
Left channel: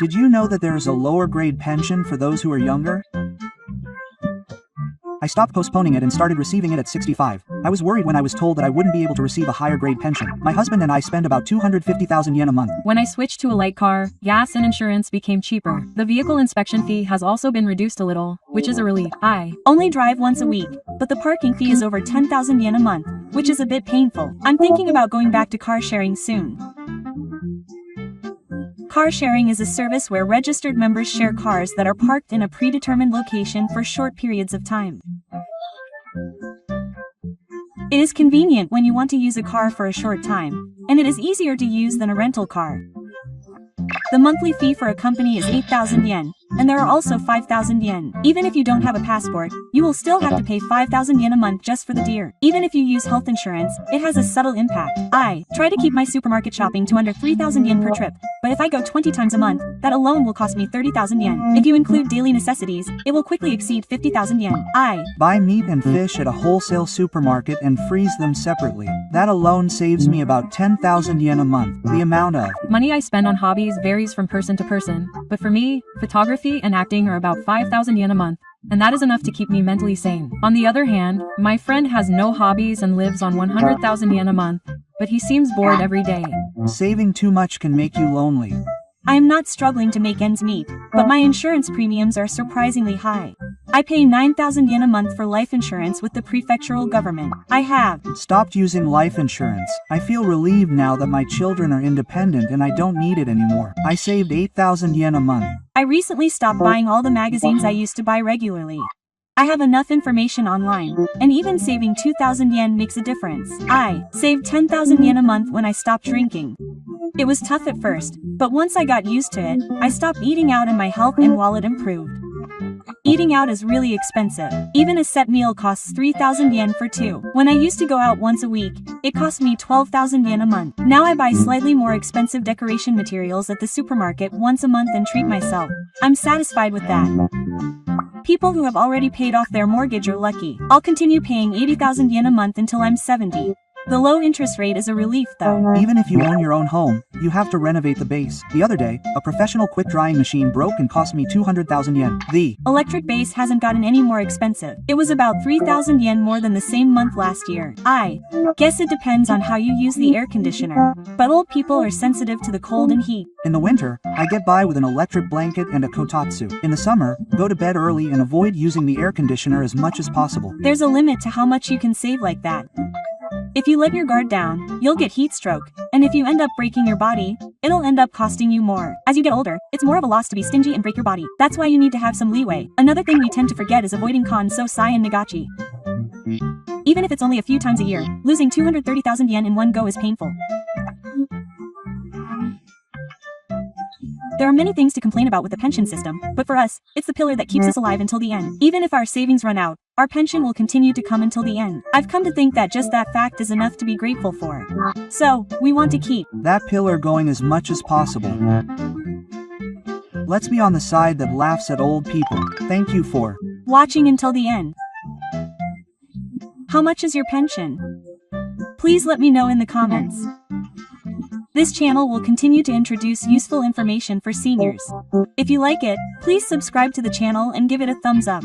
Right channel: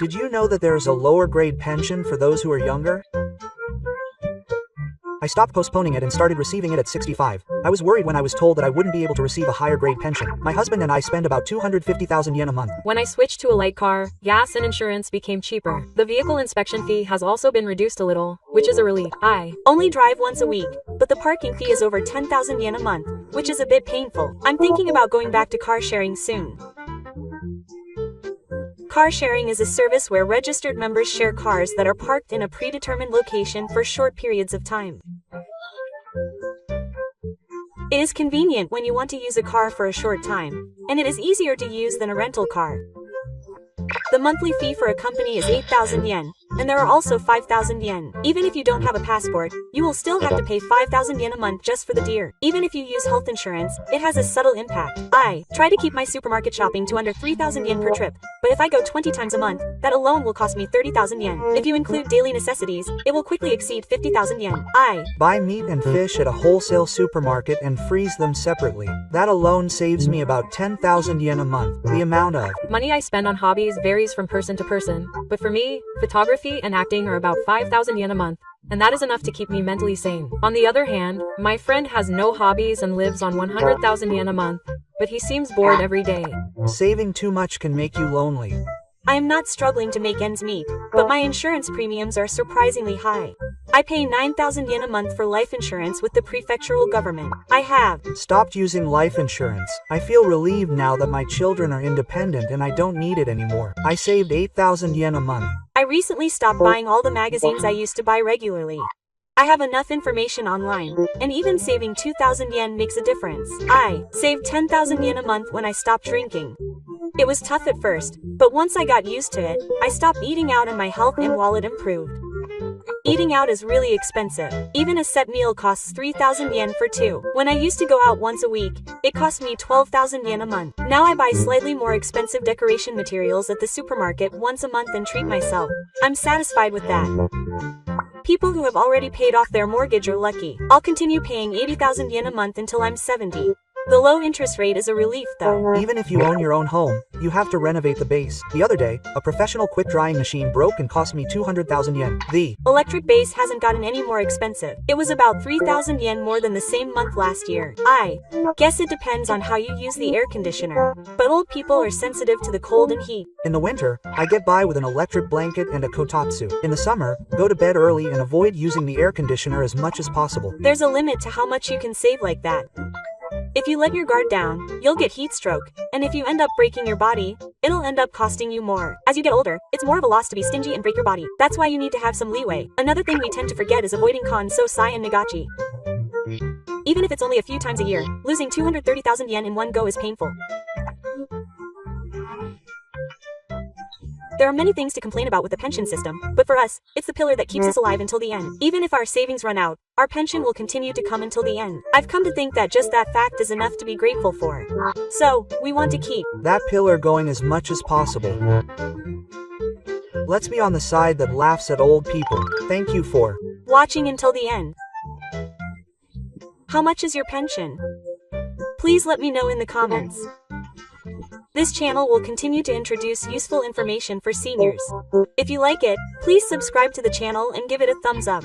Did you know that there is a lower grade pension for those who are younger? I stopped postponing it and started receiving it at 65. I was worried when I was told that I wouldn't be able to receive a higher grade pension. My husband and I spend about 250,000 yen a month. When I switched to a light car, gas and insurance became cheaper. The vehicle inspection fee has also been reduced a little, which is a relief. I only drive once a week, but the parking fee is over 10,000 yen a month, which is a bit painful. I'm thinking about going back to car sharing soon. Car sharing is a service where registered members share cars that are parked in a predetermined location for short periods of time. It is convenient when you want to use a car for a short time, and it is easier to use than a rental car. The monthly fee for a company is 8,000 yen, and there are also 5,000 yen. Even if you don't have a passport, you will still have to pay 5,000 yen a month just for the deer. Even if you use health insurance, it has a subtle impact. I try to keep my supermarket shopping to under 3,000 yen per trip, but if I go 20 times a month, that alone will cost me 30,000 yen. If you include daily necessities, it will quickly exceed 50,000 yen. I buy meat and fish at a wholesale supermarket and freeze them separately. That alone saves me about 10,000 yen a month. The amount of money I spend on hobbies varies from person to person, but for me, photography and acting are about 5,000 yen a month, and that is enough to keep me mentally sane. On the other hand, my friend has no hobbies and lives on 100,000 yen a month, but he seems bored every day. Saving too much can make you lonely. I am not struggling to make ends meet, but my insurance premiums are surprisingly high. I pay 9,000 yen a month for life insurance with the prefectural government. I have stopped using life insurance. I feel relieved now that my children are independent and I don't need it anymore. I saved 8,000 yen a month. I recently stopped buying all the magazines I used to buy regularly. I have enough information online, and even saving 2,000 yen makes a difference. I saved 10,000 yen a month when I stopped drinking. It was tough at first, but once I got used to it, I stopped eating out and my health and wallet improved. Eating out is really expensive. Even a set meal costs 3,000 yen for two. When I used to go out once a week, it cost me 12,000 yen a month. Now I buy slightly more expensive decoration materials at the supermarket once a month and treat myself. I'm satisfied with that. People who have already paid off their mortgage are lucky. I'll continue paying 80,000 yen a month until I'm 70. The low interest rate is a relief though. Even if you own your own home, you have to renovate the base. The other day, a professional quick drying machine broke and cost me 200,000 yen. The electric base hasn't gotten any more expensive. It was about 3,000 yen more than the same month last year. I guess it depends on how you use the air conditioner, but old people are sensitive to the cold and heat. In the winter, I get by with an electric blanket and a kotatsu. In the summer, go to bed early and avoid using the air conditioner as much as possible. There's a limit to how much you can save like that. If you let your guard down, you'll get heat stroke, and if you end up breaking your body, it'll end up costing you more. As you get older, it's more of a loss to be stingy and break your body. That's why you need to have some leeway. Another thing we tend to forget is avoiding sai and nagachi. Even if it's only a few times a year, losing 230,000 yen in one go is painful. There are many things to complain about with the pension system, but for us, it's the pillar that keeps us alive until the end. Even if our savings run out, our pension will continue to come until the end. I've come to think that just that fact is enough to be grateful for. So, we want to keep that pillar going as much as possible. Let's be on the side that laughs at old people. Thank you for watching until the end. How much is your pension? Please let me know in the comments. This channel will continue to introduce useful information for seniors. If you like it, please subscribe to the channel and give it a thumbs up.